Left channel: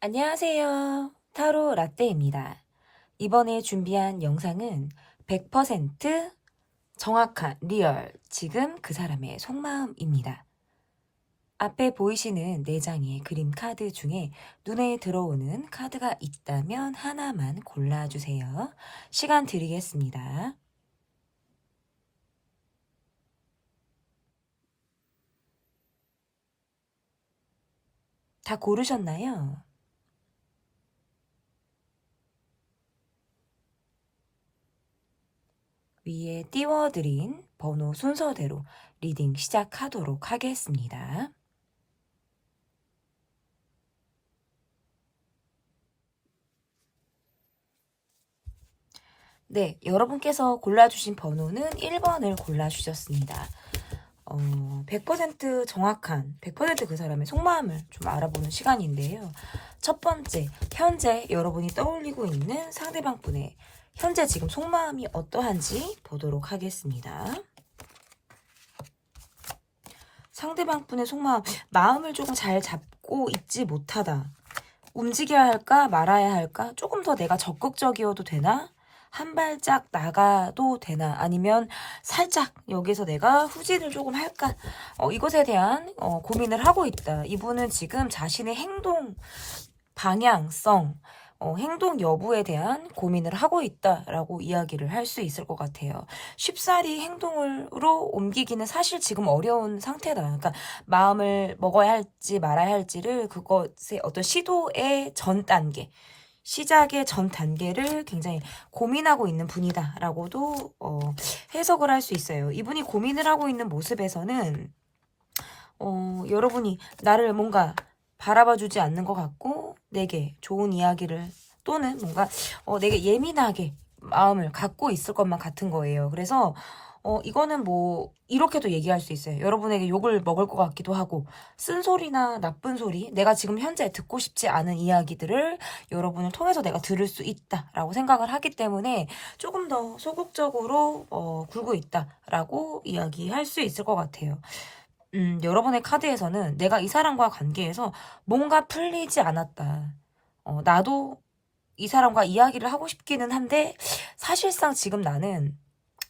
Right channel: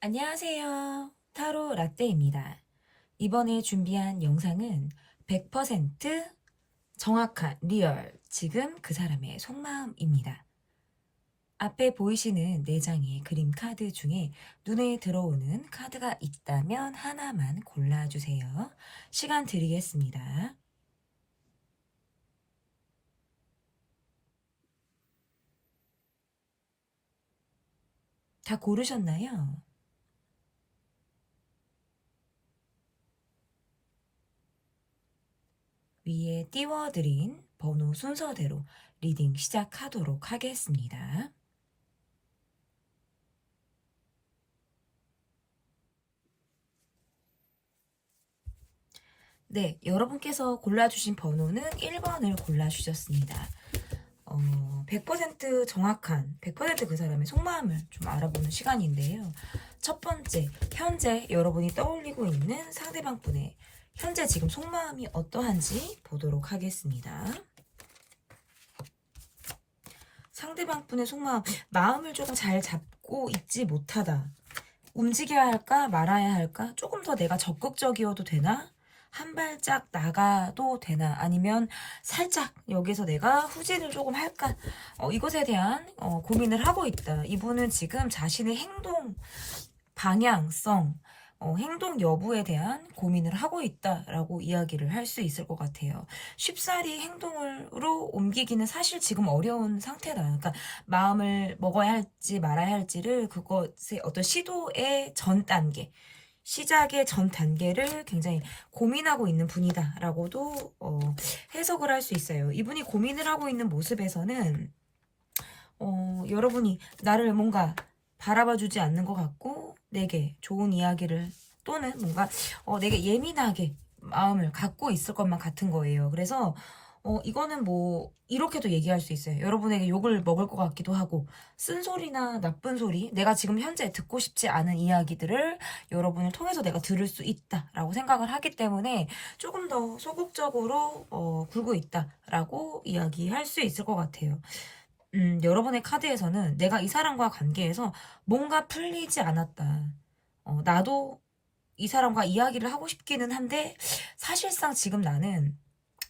안녕하세요. 타로 라떼입니다. 이번에 준비한 영상은 100% 정확한 리얼 지금 그 사람의 속마음입니다. 앞에 보이시는 4장의 그림 카드 중에 눈에 들어오는 카드가 있다면 하나만 골라주세요. 시간 드리겠습니다. 다 고르셨나요? 위에 띄워드린 번호 순서대로 리딩 시작하도록 하겠습니다. 네, 여러분께서 골라주신 번호는 1번을 골라주셨습니다. 100% 정확한, 100%그 사람의 속마음을 좀 알아보는 시간인데요. 첫 번째, 현재 여러분이 떠올리고 있는 상대방 분의 현재 지금 속마음이 어떠한지 보도록 하겠습니다. 상대방 분의 속마음, 마음을 조금 잘 잡고 있지 못하다. 움직여야 할까 말아야 할까? 조금 더 내가 적극적이어도 되나? 한 발짝 나가도 되나? 아니면 살짝 여기서 내가 후진을 조금 할까? 이것에 대한 고민을 하고 있다. 이분은 지금 자신의 행동 방향성, 행동 여부에 대한 고민을 하고 있다라고 이야기를 할 수 있을 것 같아요. 쉽사리 행동으로 옮기기는 사실 지금 어려운 상태다. 그러니까 마음을 먹어야 할지 말아야 할지를 그것의 어떤 시도의 전 단계, 시작의 전 단계를 굉장히 고민하고 있는 분이다라고도 해석을 할 수 있어요. 이분이 고민을 하고 있는 모습에서는 여러분이 나를 뭔가 바라봐주지 않는 것 같고 내게 좋은 이야기를 또는 뭔가 내게 예민하게 마음을 갖고 있을 것만 같은 거예요. 그래서 이거는 뭐 이렇게도 얘기할 수 있어요. 여러분에게 욕을 먹을 것 같기도 하고 쓴소리나 나쁜 소리, 내가 지금 현재 듣고 싶지 않은 이야기들을 여러분을 통해서 내가 들을 수 있다라고 생각을 하기 때문에 조금 더 소극적으로 굴고 있다라고 이야기할 수 있을 것 같아요. 여러분의 카드에서는 내가 이 사람과 관계에서 뭔가 풀리지 않았다. 나도 이 사람과 이야기를 하고 싶기는 한데 사실상 지금 나는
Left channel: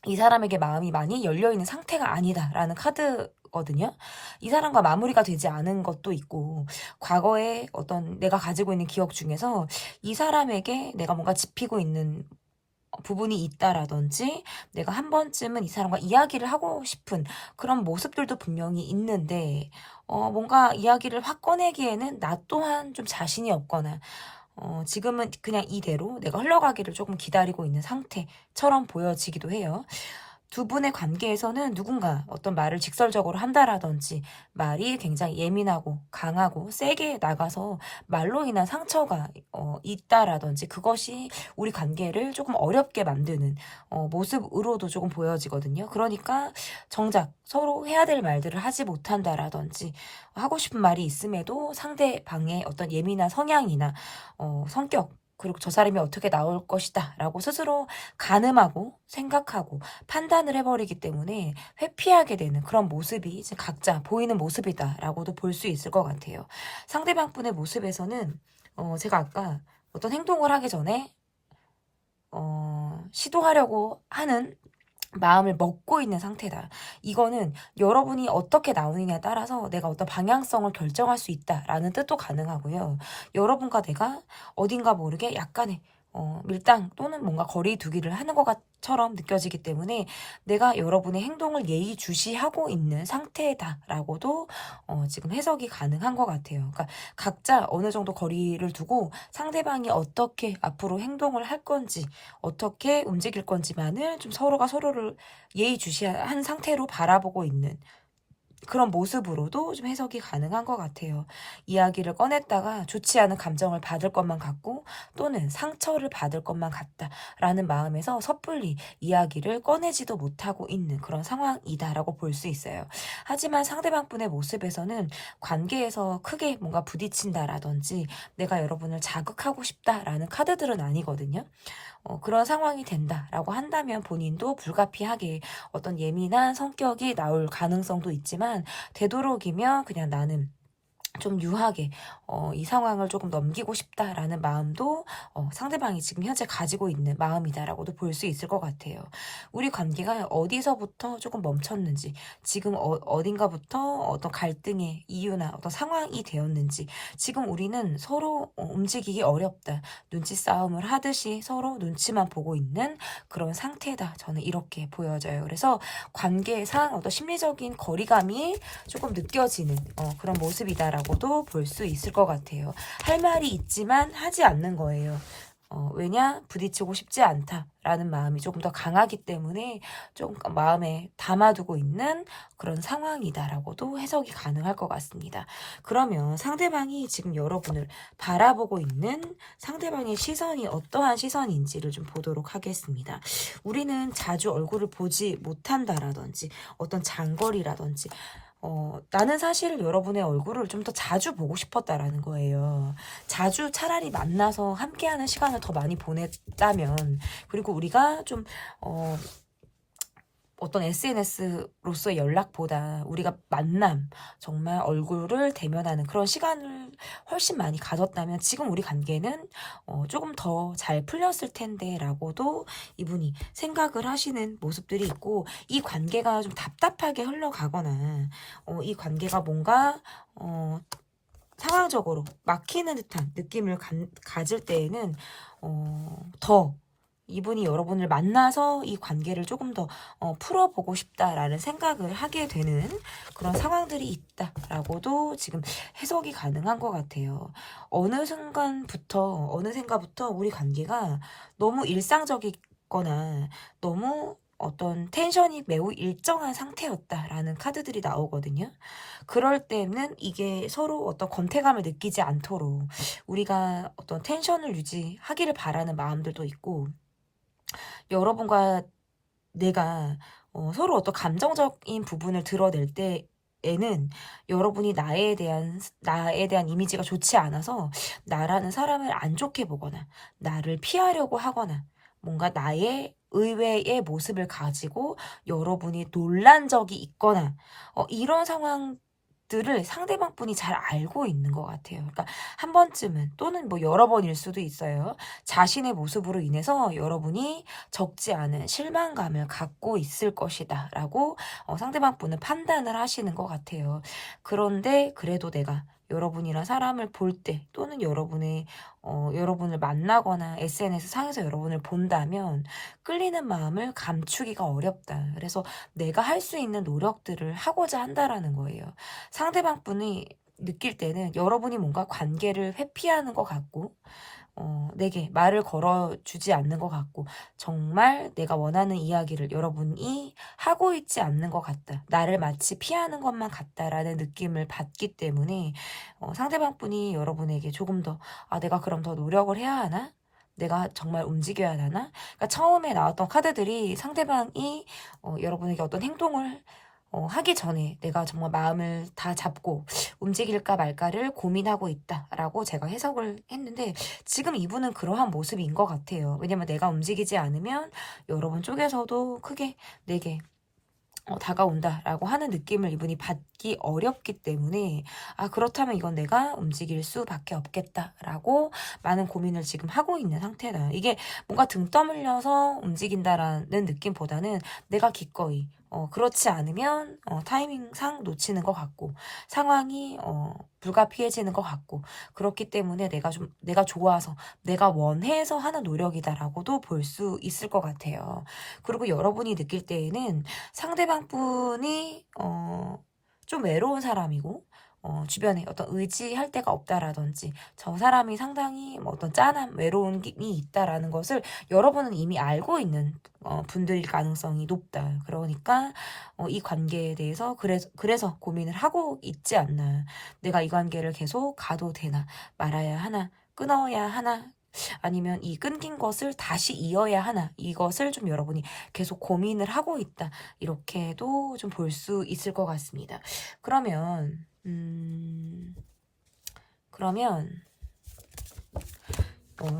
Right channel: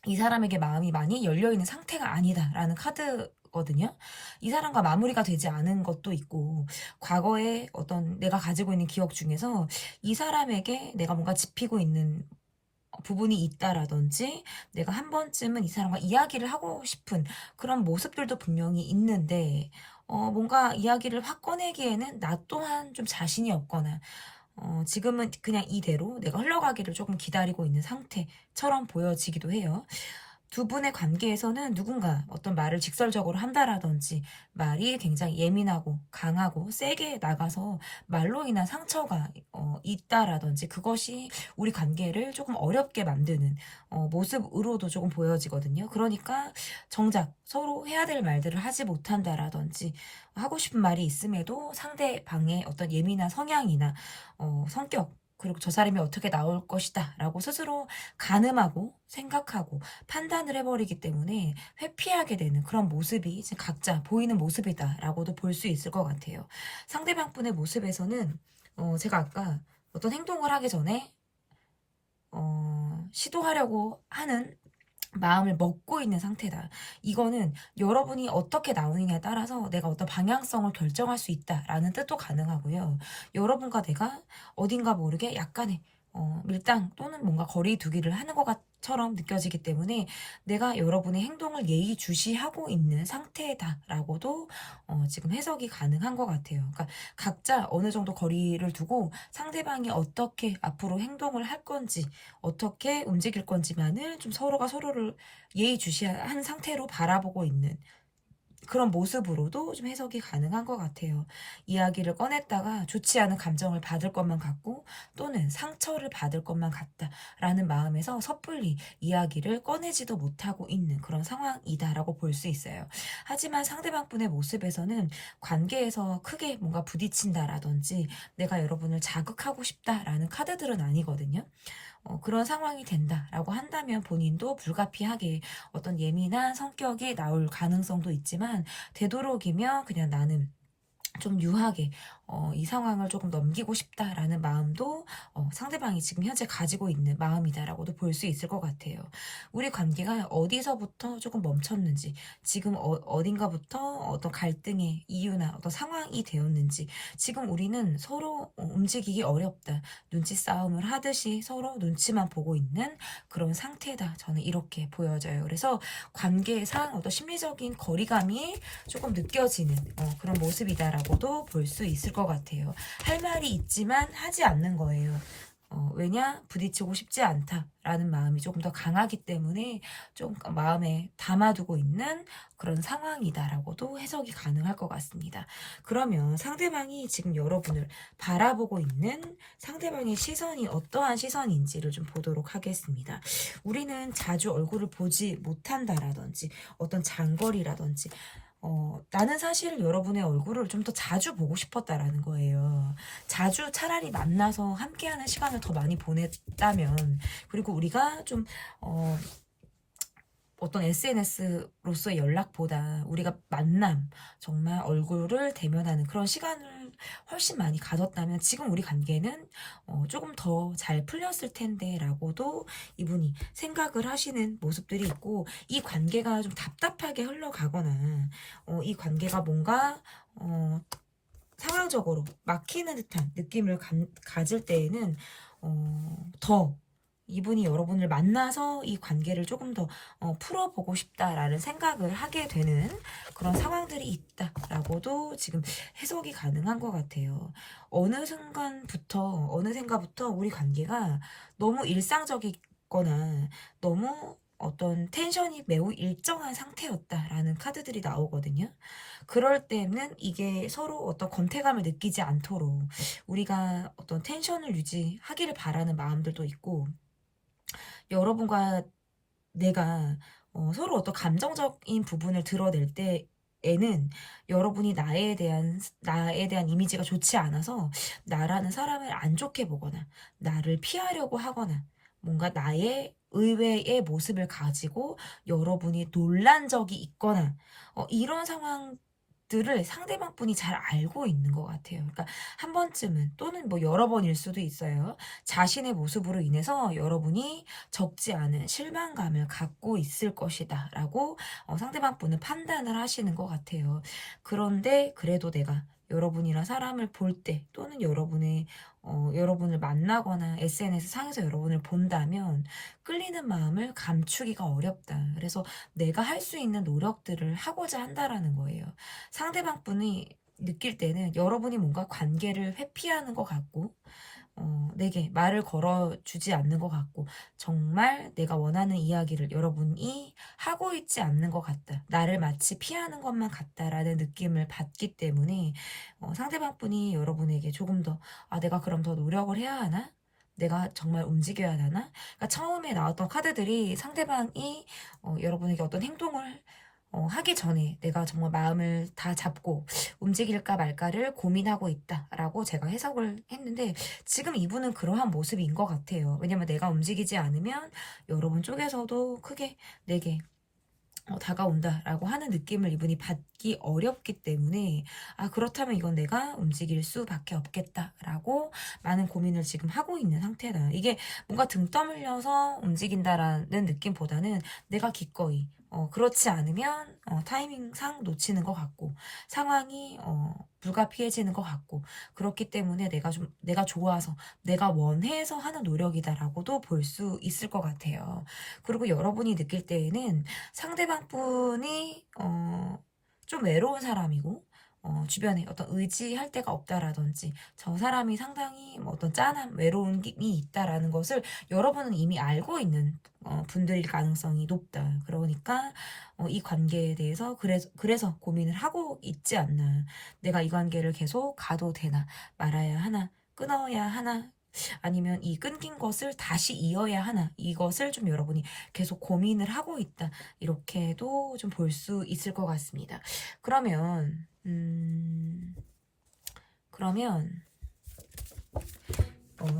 이 사람에게 마음이 많이 열려있는 상태가 아니다라는 카드거든요. 이 사람과 마무리가 되지 않은 것도 있고 과거에 어떤 내가 가지고 있는 기억 중에서 이 사람에게 내가 뭔가 짚히고 있는 부분이 있다라든지 내가 한 번쯤은 이 사람과 이야기를 하고 싶은 그런 모습들도 분명히 있는데 뭔가 이야기를 확 꺼내기에는 나 또한 좀 자신이 없거나 지금은 그냥 이대로 내가 흘러가기를 조금 기다리고 있는 상태처럼 보여지기도 해요. 두 분의 관계에서는 누군가 어떤 말을 직설적으로 한다라든지 말이 굉장히 예민하고 강하고 세게 나가서 말로 인한 상처가 있다라든지 그것이 우리 관계를 조금 어렵게 만드는 모습으로도 조금 보여지거든요. 그러니까 정작 서로 해야 될 말들을 하지 못한다라든지 하고 싶은 말이 있음에도 상대방의 어떤 예민한 성향이나 성격 그리고 저 사람이 어떻게 나올 것이다 라고 스스로 가늠하고 생각하고 판단을 해버리기 때문에 회피하게 되는 그런 모습이 이제 각자 보이는 모습이다 라고도 볼 수 있을 것 같아요. 상대방 분의 모습에서는 제가 아까 어떤 행동을 하기 전에 시도하려고 하는 마음을 먹고 있는 상태다. 이거는 여러분이 어떻게 나오느냐에 따라서 내가 어떤 방향성을 결정할 수 있다라는 뜻도 가능하고요. 여러분과 내가 어딘가 모르게 약간의 밀당 또는 뭔가 거리 두기를 하는 것처럼 느껴지기 때문에 내가 여러분의 행동을 예의주시하고 있는 상태다라고도 지금 해석이 가능한 것 같아요. 그러니까 각자 어느 정도 거리를 두고 상대방이 어떻게 앞으로 행동을 할 건지 어떻게 움직일 건지만을 좀 서로가 서로를 예의주시한 상태로 바라보고 있는 그런 모습으로도 좀 해석이 가능한 것 같아요. 이야기를 꺼냈다가 좋지 않은 감정을 받을 것만 같고 또는 상처를 받을 것만 같다라는 마음에서 섣불리 이야기를 꺼내지도 못하고 있는 그런 상황이다라고 볼 수 있어요. 하지만 상대방분의 모습에서는 관계에서 크게 뭔가 부딪힌다라든지 내가 여러분을 자극하고 싶다라는 카드들은 아니거든요. 그런 상황이 된다라고 한다면 본인도 불가피하게 어떤 예민한 성격이 나올 가능성도 있지만 되도록이면 그냥 나는 좀 유하게 이 상황을 조금 넘기고 싶다라는 마음도 상대방이 지금 현재 가지고 있는 마음이다라고도 볼 수 있을 것 같아요. 우리 관계가 어디서부터 조금 멈췄는지, 지금 어딘가부터 어떤 갈등의 이유나 어떤 상황이 되었는지, 지금 우리는 서로 움직이기 어렵다, 눈치 싸움을 하듯이 서로 눈치만 보고 있는 그런 상태다, 저는 이렇게 보여져요. 그래서 관계상 어떤 심리적인 거리감이 조금 느껴지는 그런 모습이다라고도 볼 수 있을 것 같아요. 할 말이 있지만 하지 않는 거예요. 왜냐? 부딪히고 싶지 않다라는 마음이 조금 더 강하기 때문에 좀 마음에 담아두고 있는 그런 상황이다라고도 해석이 가능할 것 같습니다. 그러면 상대방이 지금 여러분을 바라보고 있는 상대방의 시선이 어떠한 시선인지를 좀 보도록 하겠습니다. 우리는 자주 얼굴을 보지 못한다라든지 어떤 장거리라든지 나는 사실 여러분의 얼굴을 좀 더 자주 보고 싶었다라는 거예요. 자주 차라리 만나서 함께하는 시간을 더 많이 보냈다면, 그리고 우리가 좀 어떤 SNS로서의 연락보다 우리가 만남, 정말 얼굴을 대면하는 그런 시간을 훨씬 많이 가졌다면 지금 우리 관계는 조금 더 잘 풀렸을 텐데 라고도 이분이 생각을 하시는 모습들이 있고, 이 관계가 좀 답답하게 흘러가거나 이 관계가 뭔가 상황적으로 막히는 듯한 느낌을 가질 때에는 더 이분이 여러분을 만나서 이 관계를 조금 더 풀어보고 싶다라는 생각을 하게 되는 그런 상황들이 있다라고도 지금 해석이 가능한 것 같아요. 어느 순간부터, 어느샌가부터 우리 관계가 너무 일상적이거나 너무 어떤 텐션이 매우 일정한 상태였다라는 카드들이 나오거든요. 그럴 때는 이게 서로 어떤 권태감을 느끼지 않도록 우리가 어떤 텐션을 유지하기를 바라는 마음들도 있고, 여러분과 내가 서로 어떤 감정적인 부분을 드러낼 때에는 여러분이 나에 대한 이미지가 좋지 않아서 나라는 사람을 안 좋게 보거나 나를 피하려고 하거나 뭔가 나의 의외의 모습을 가지고 여러분이 놀란 적이 있거나 이런 상황들을 상대방 분이 잘 알고 있는 것 같아요. 그러니까 한 번쯤은, 또는 뭐 여러 번일 수도 있어요. 자신의 모습으로 인해서 여러분이 적지 않은 실망감을 갖고 있을 것이다 라고 상대방 분은 판단을 하시는 것 같아요. 그런데 그래도 내가 여러분이랑 사람을 볼 때, 또는 여러분을 만나거나 SNS 상에서 여러분을 본다면 끌리는 마음을 감추기가 어렵다. 그래서 내가 할 수 있는 노력들을 하고자 한다라는 거예요. 상대방 분이 느낄 때는 여러분이 뭔가 관계를 회피하는 것 같고, 내게 말을 걸어주지 않는 것 같고, 정말 내가 원하는 이야기를 여러분이 하고 있지 않는 것 같다, 나를 마치 피하는 것만 같다라는 느낌을 받기 때문에 상대방 분이 여러분에게 조금 더 내가 그럼 더 노력을 해야 하나? 내가 정말 움직여야 하나? 그러니까 처음에 나왔던 카드들이 상대방이 여러분에게 어떤 행동을 하기 전에 내가 정말 마음을 다 잡고 움직일까 말까를 고민하고 있다라고 제가 해석을 했는데, 지금 이분은 그러한 모습인 것 같아요. 왜냐면 내가 움직이지 않으면 여러분 쪽에서도 크게 내게 다가온다라고 하는 느낌을 이분이 받기 어렵기 때문에, 그렇다면 이건 내가 움직일 수밖에 없겠다라고 많은 고민을 지금 하고 있는 상태다. 이게 뭔가 등 떠밀려서 움직인다라는 느낌보다는 내가 기꺼이 그렇지 않으면 타이밍상 놓치는 것 같고, 상황이 불가피해지는 것 같고, 그렇기 때문에 내가 좋아서 내가 원해서 하는 노력이다라고도 볼 수 있을 것 같아요. 그리고 여러분이 느낄 때에는 상대방 분이 좀 외로운 사람이고, 주변에 어떤 의지할 데가 없다라든지 저 사람이 상당히 뭐 어떤 짠함, 외로움이 있다라는 것을 여러분은 이미 알고 있는 분들일 가능성이 높다. 그러니까 이 관계에 대해서 그래서 고민을 하고 있지 않나. 내가 이 관계를 계속 가도 되나, 말아야 하나, 끊어야 하나, 아니면 이 끊긴 것을 다시 이어야 하나, 이것을 좀 여러분이 계속 고민을 하고 있다, 이렇게도 좀 볼 수 있을 것 같습니다. 그러면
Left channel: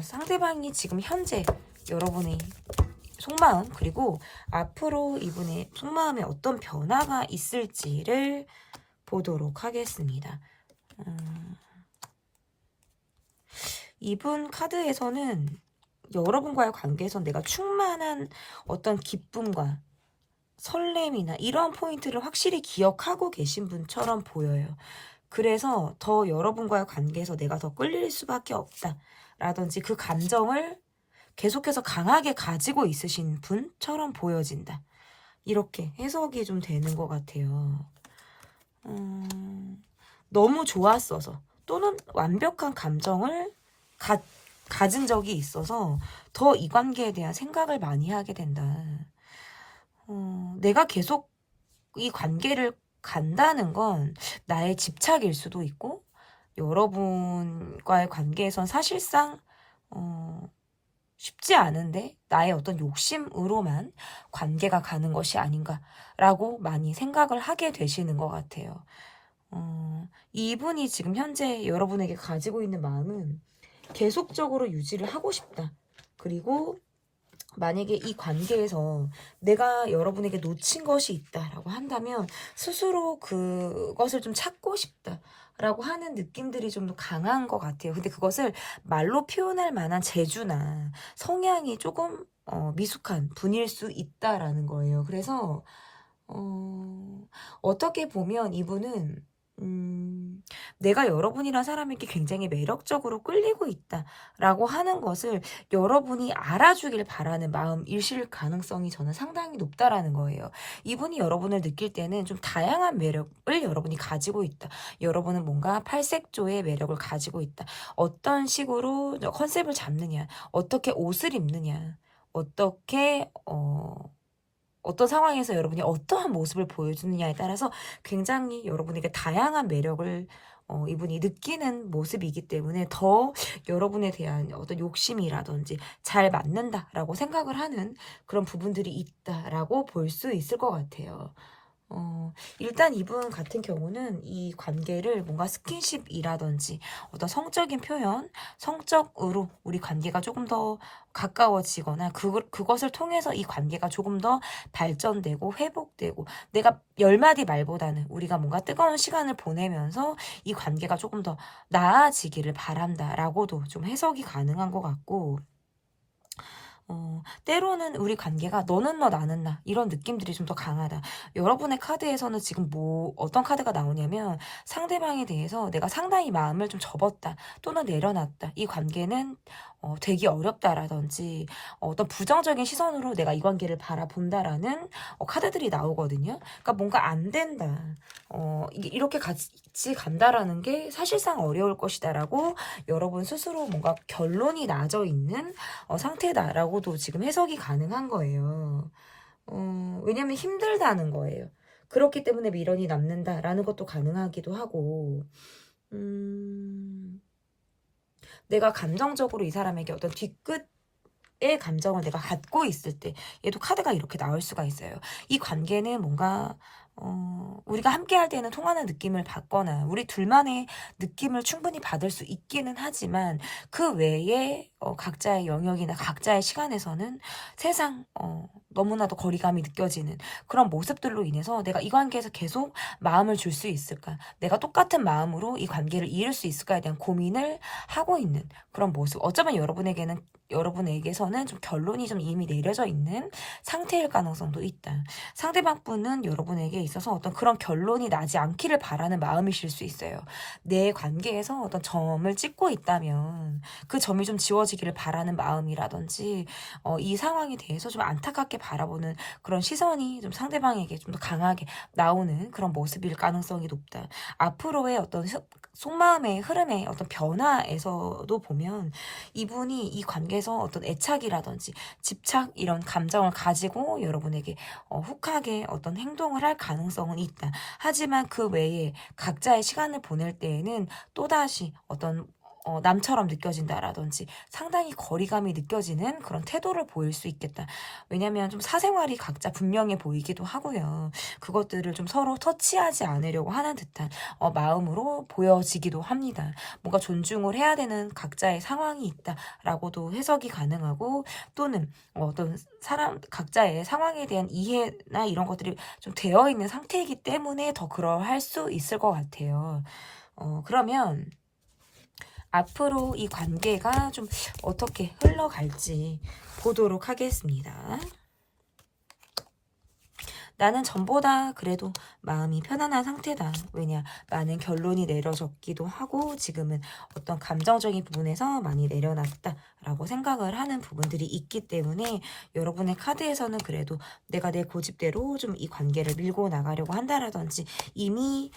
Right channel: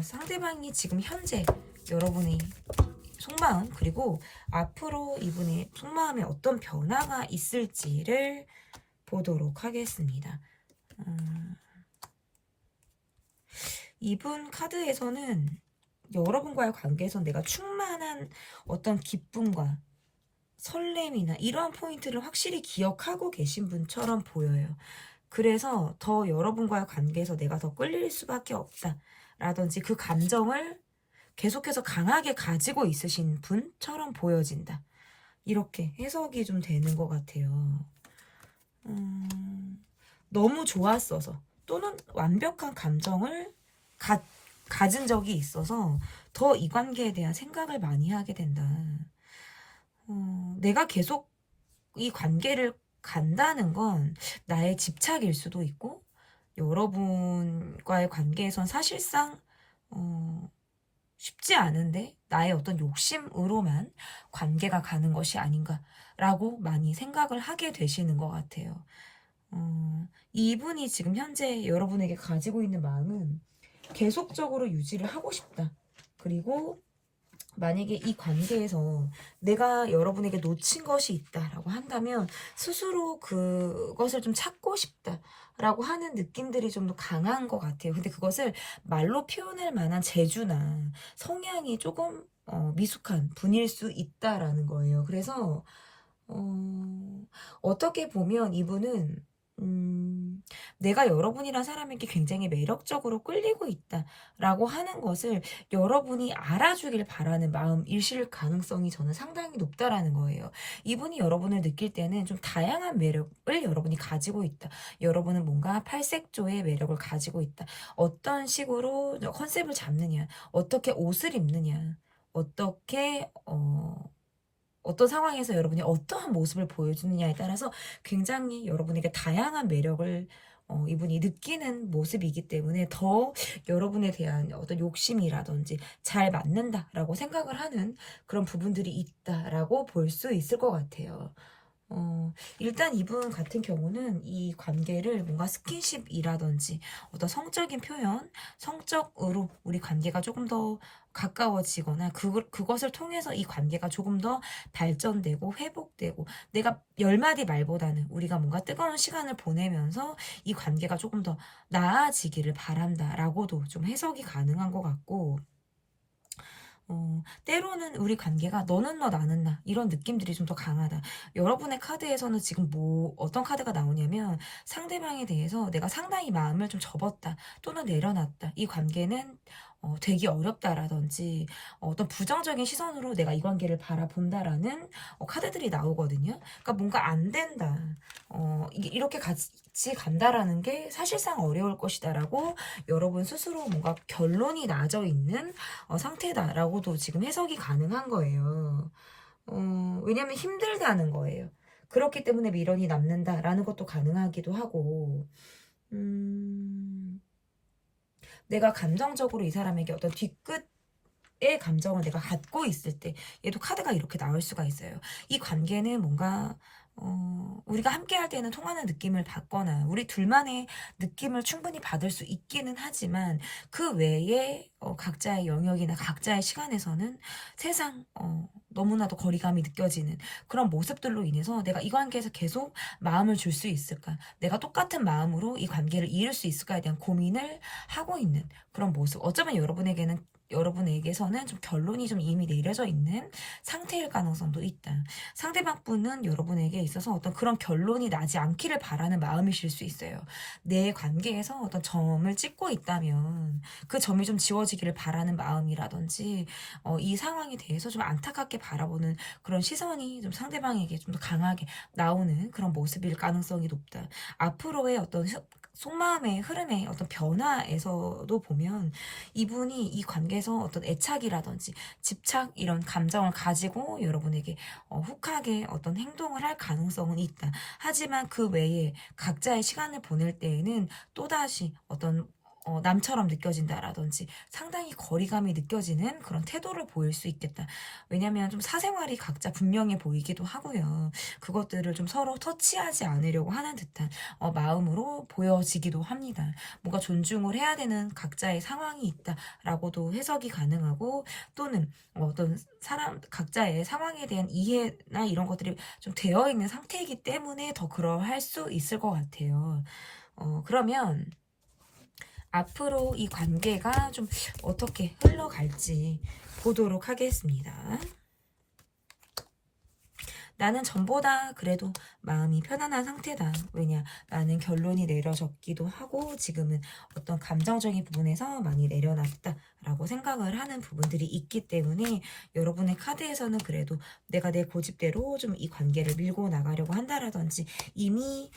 상대방이 지금 현재 여러분의 속마음, 그리고 앞으로 이분의 속마음에 어떤 변화가 있을지를 보도록 하겠습니다. 이분 카드에서는 여러분과의 관계에서 내가 충만한 어떤 기쁨과 설렘이나 이런 포인트를 확실히 기억하고 계신 분처럼 보여요. 그래서 더 여러분과의 관계에서 내가 더 끌릴 수밖에 없다 라든지 그 감정을 계속해서 강하게 가지고 있으신 분처럼 보여진다. 이렇게 해석이 좀 되는 것 같아요. 너무 좋았어서 또는 완벽한 감정을 가진 적이 있어서 더 이 관계에 대한 생각을 많이 하게 된다. 내가 계속 이 관계를 간다는 건 나의 집착일 수도 있고 여러분과의 관계에선 사실상 쉽지 않은데 나의 어떤 욕심으로만 관계가 가는 것이 아닌가라고 많이 생각을 하게 되시는 것 같아요. 이분이 지금 현재 여러분에게 가지고 있는 마음은 계속적으로 유지를 하고 싶다. 그리고 만약에 이 관계에서 내가 여러분에게 놓친 것이 있다라고 한다면 스스로 그것을 좀 찾고 싶다라고 하는 느낌들이 좀 더 강한 것 같아요. 근데 그것을 말로 표현할 만한 재주나 성향이 조금 미숙한 분일 수 있다라는 거예요. 그래서 어떻게 보면 이분은 내가 여러분이란 사람에게 굉장히 매력적으로 끌리고 있다라고 하는 것을 여러분이 알아주길 바라는 마음이실 가능성이 저는 상당히 높다라는 거예요. 이분이 여러분을 느낄 때는 좀 다양한 매력을 여러분이 가지고 있다. 여러분은 뭔가 팔색조의 매력을 가지고 있다. 어떤 식으로 컨셉을 잡느냐, 어떻게 옷을 입느냐, 어떻게 어떤 상황에서 여러분이 어떠한 모습을 보여주느냐에 따라서 굉장히 여러분에게 다양한 매력을 이분이 느끼는 모습이기 때문에 더 여러분에 대한 어떤 욕심이라든지 잘 맞는다라고 생각을 하는 그런 부분들이 있다라고 볼 수 있을 것 같아요. 일단 이분 같은 경우는 이 관계를 뭔가 스킨십이라든지 어떤 성적인 표현, 성적으로 우리 관계가 조금 더 가까워지거나 그것을 통해서 이 관계가 조금 더 발전되고 회복되고 내가 열 마디 말보다는 우리가 뭔가 뜨거운 시간을 보내면서 이 관계가 조금 더 나아지기를 바란다라고도 좀 해석이 가능한 것 같고 때로는 우리 관계가 너는 너 나는 나 이런 느낌들이 좀 더 강하다. 여러분의 카드에서는 지금 뭐 어떤 카드가 나오냐면 상대방에 대해서 내가 상당히 마음을 좀 접었다 또는 내려놨다. 이 관계는 되기 어렵다라든지 어떤 부정적인 시선으로 내가 이 관계를 바라본다라는 카드들이 나오거든요. 그러니까 뭔가 안 된다. 이렇게 같이 간다라는 게 사실상 어려울 것이다라고 여러분 스스로 뭔가 결론이 나져 있는 상태다라고도 지금 해석이 가능한 거예요. 왜냐면 힘들다는 거예요. 그렇기 때문에 미련이 남는다라는 것도 가능하기도 하고, 내가 감정적으로 이 사람에게 어떤 뒤끝의 감정을 내가 갖고 있을 때, 얘도 카드가 이렇게 나올 수가 있어요. 이 관계는 뭔가 우리가 함께 할 때는 통하는 느낌을 받거나 우리 둘만의 느낌을 충분히 받을 수 있기는 하지만 그 외에 각자의 영역이나 각자의 시간에서는 세상 너무나도 거리감이 느껴지는 그런 모습들로 인해서 내가 이 관계에서 계속 마음을 줄 수 있을까? 내가 똑같은 마음으로 이 관계를 이룰 수 있을까에 대한 고민을 하고 있는 그런 모습. 어쩌면 여러분에게서는 좀 결론이 좀 이미 내려져 있는 상태일 가능성도 있다. 상대방 분은 여러분에게 있어서 어떤 그런 결론이 나지 않기를 바라는 마음이실 수 있어요. 내 관계에서 어떤 점을 찍고 있다면 그 점이 좀 지워지기를 바라는 마음이라든지 이 상황에 대해서 좀 안타깝게 바라보는 그런 시선이 좀 상대방에게 좀 더 강하게 나오는 그런 모습일 가능성이 높다. 앞으로의 어떤 속마음의 흐름의 어떤 변화에서도 보면 이분이 이 관계에서 어떤 애착이라든지 집착 이런 감정을 가지고 여러분에게 혹하게 어떤 행동을 할 가능성은 있다. 하지만 그 외에 각자의 시간을 보낼 때에는 또다시 어떤 남처럼 느껴진다라든지 상당히 거리감이 느껴지는 그런 태도를 보일 수 있겠다. 왜냐면 좀 사생활이 각자 분명해 보이기도 하고요. 그것들을 좀 서로 터치하지 않으려고 하는 듯한 마음으로 보여지기도 합니다. 뭔가 존중을 해야 되는 각자의 상황이 있다라고도 해석이 가능하고 또는 어떤 사람 각자의 상황에 대한 이해나 이런 것들이 좀 되어 있는 상태이기 때문에 더 그러할 수 있을 것 같아요. 그러면 앞으로 이 관계가 좀 어떻게 흘러갈지 보도록 하겠습니다. 나는 전보다 그래도 마음이 편안한 상태다. 왜냐, 많은 결론이 내려졌기도 하고 지금은 어떤 감정적인 부분에서 많이 내려놨다라고 생각을 하는 부분들이 있기 때문에 여러분의 카드에서는 그래도 내가 내 고집대로 좀 이 관계를 밀고 나가려고 한다라든지 이미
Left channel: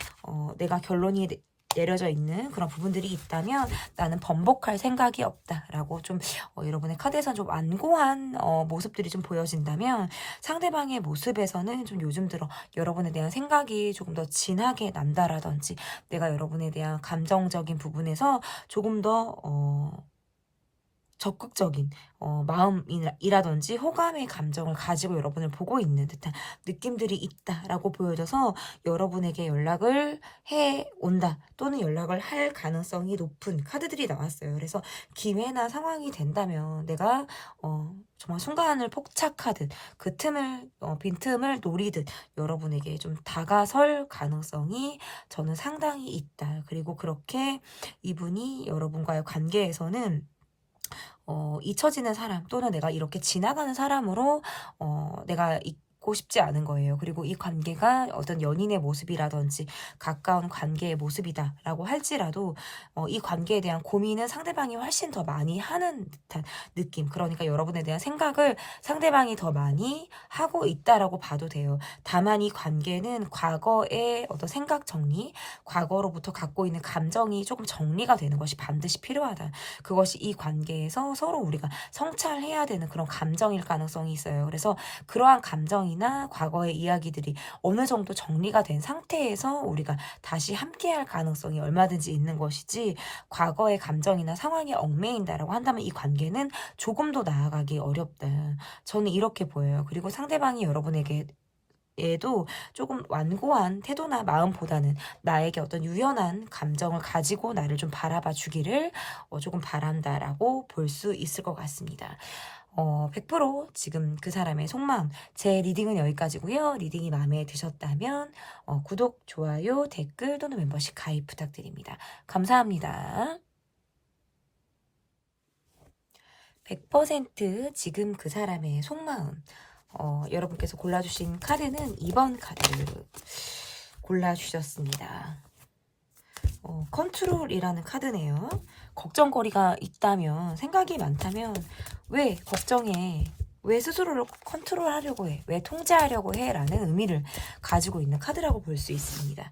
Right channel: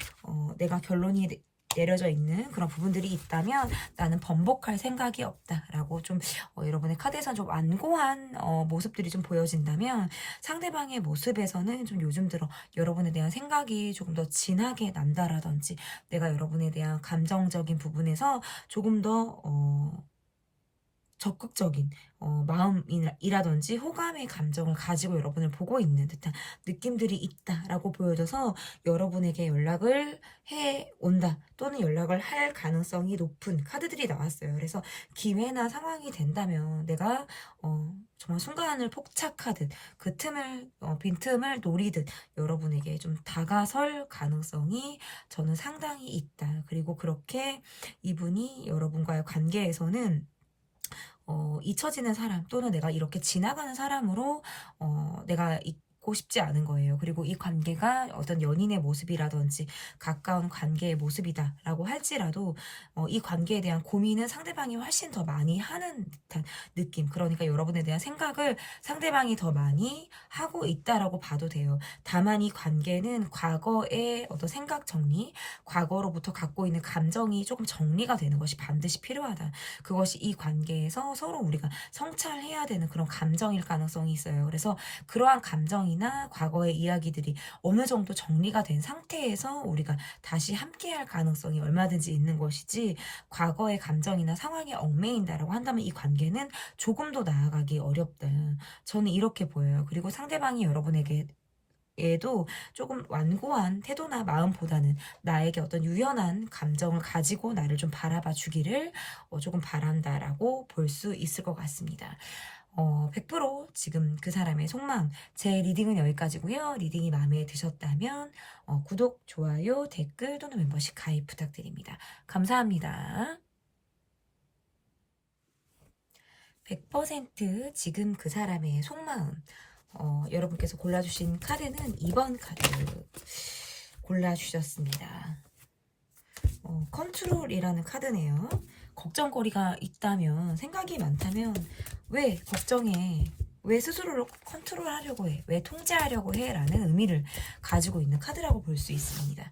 내가 결론이 내려져 있는 그런 부분들이 있다면 나는 번복할 생각이 없다라고 좀 여러분의 카드에서는 좀 완고한 모습들이 좀 보여진다면 상대방의 모습에서는 좀 요즘 들어 여러분에 대한 생각이 조금 더 진하게 난다라든지 내가 여러분에 대한 감정적인 부분에서 조금 더 적극적인 마음이라든지 호감의 감정을 가지고 여러분을 보고 있는 듯한 느낌들이 있다라고 보여져서 여러분에게 연락을 해온다 또는 연락을 할 가능성이 높은 카드들이 나왔어요. 그래서 기회나 상황이 된다면 내가 정말 순간을 폭착하듯 그 틈을 빈틈을 노리듯 여러분에게 좀 다가설 가능성이 저는 상당히 있다. 그리고 그렇게 이분이 여러분과의 관계에서는 잊혀지는 사람 또는 내가 이렇게 지나가는 사람으로 내가 있고 싶지 않은 거예요. 그리고 이 관계가 어떤 연인의 모습이라든지 가까운 관계의 모습이다라고 할지라도 이 관계에 대한 고민은 상대방이 훨씬 더 많이 하는 듯한 느낌. 그러니까 여러분에 대한 생각을 상대방이 더 많이 하고 있다라고 봐도 돼요. 다만 이 관계는 과거의 어떤 생각 정리, 과거로부터 갖고 있는 감정이 조금 정리가 되는 것이 반드시 필요하다. 그것이 이 관계에서 서로 우리가 성찰해야 되는 그런 감정일 가능성이 있어요. 그래서 그러한 감정이나 과거의 이야기들이 어느 정도 정리가 된 상태에서 우리가 다시 함께할 가능성이 얼마든지 있는 것이지 과거의 감정이나 상황에 얽매인다라고 한다면 이 관계는 조금 더 나아가기 어렵다. 저는 이렇게 보여요. 그리고 상대방이 여러분에게 에도 조금 완고한 태도나 마음보다는 나에게 어떤 유연한 감정을 가지고 나를 좀 바라봐 주기를 조금 바란다라고 볼 수 있을 것 같습니다. 100% 지금 그 사람의 속마음, 제 리딩은 여기까지고요. 리딩이 마음에 드셨다면 구독, 좋아요, 댓글 또는 멤버십 가입 부탁드립니다. 감사합니다. 100% 지금 그 사람의 속마음, 여러분께서 골라주신 카드는 2번 카드 골라주셨습니다. 컨트롤이라는 카드네요. 걱정거리가 있다면, 생각이 많다면 왜 걱정해? 왜 스스로를 컨트롤하려고 해? 왜 통제하려고 해? 라는 의미를 가지고 있는 카드라고 볼 수 있습니다.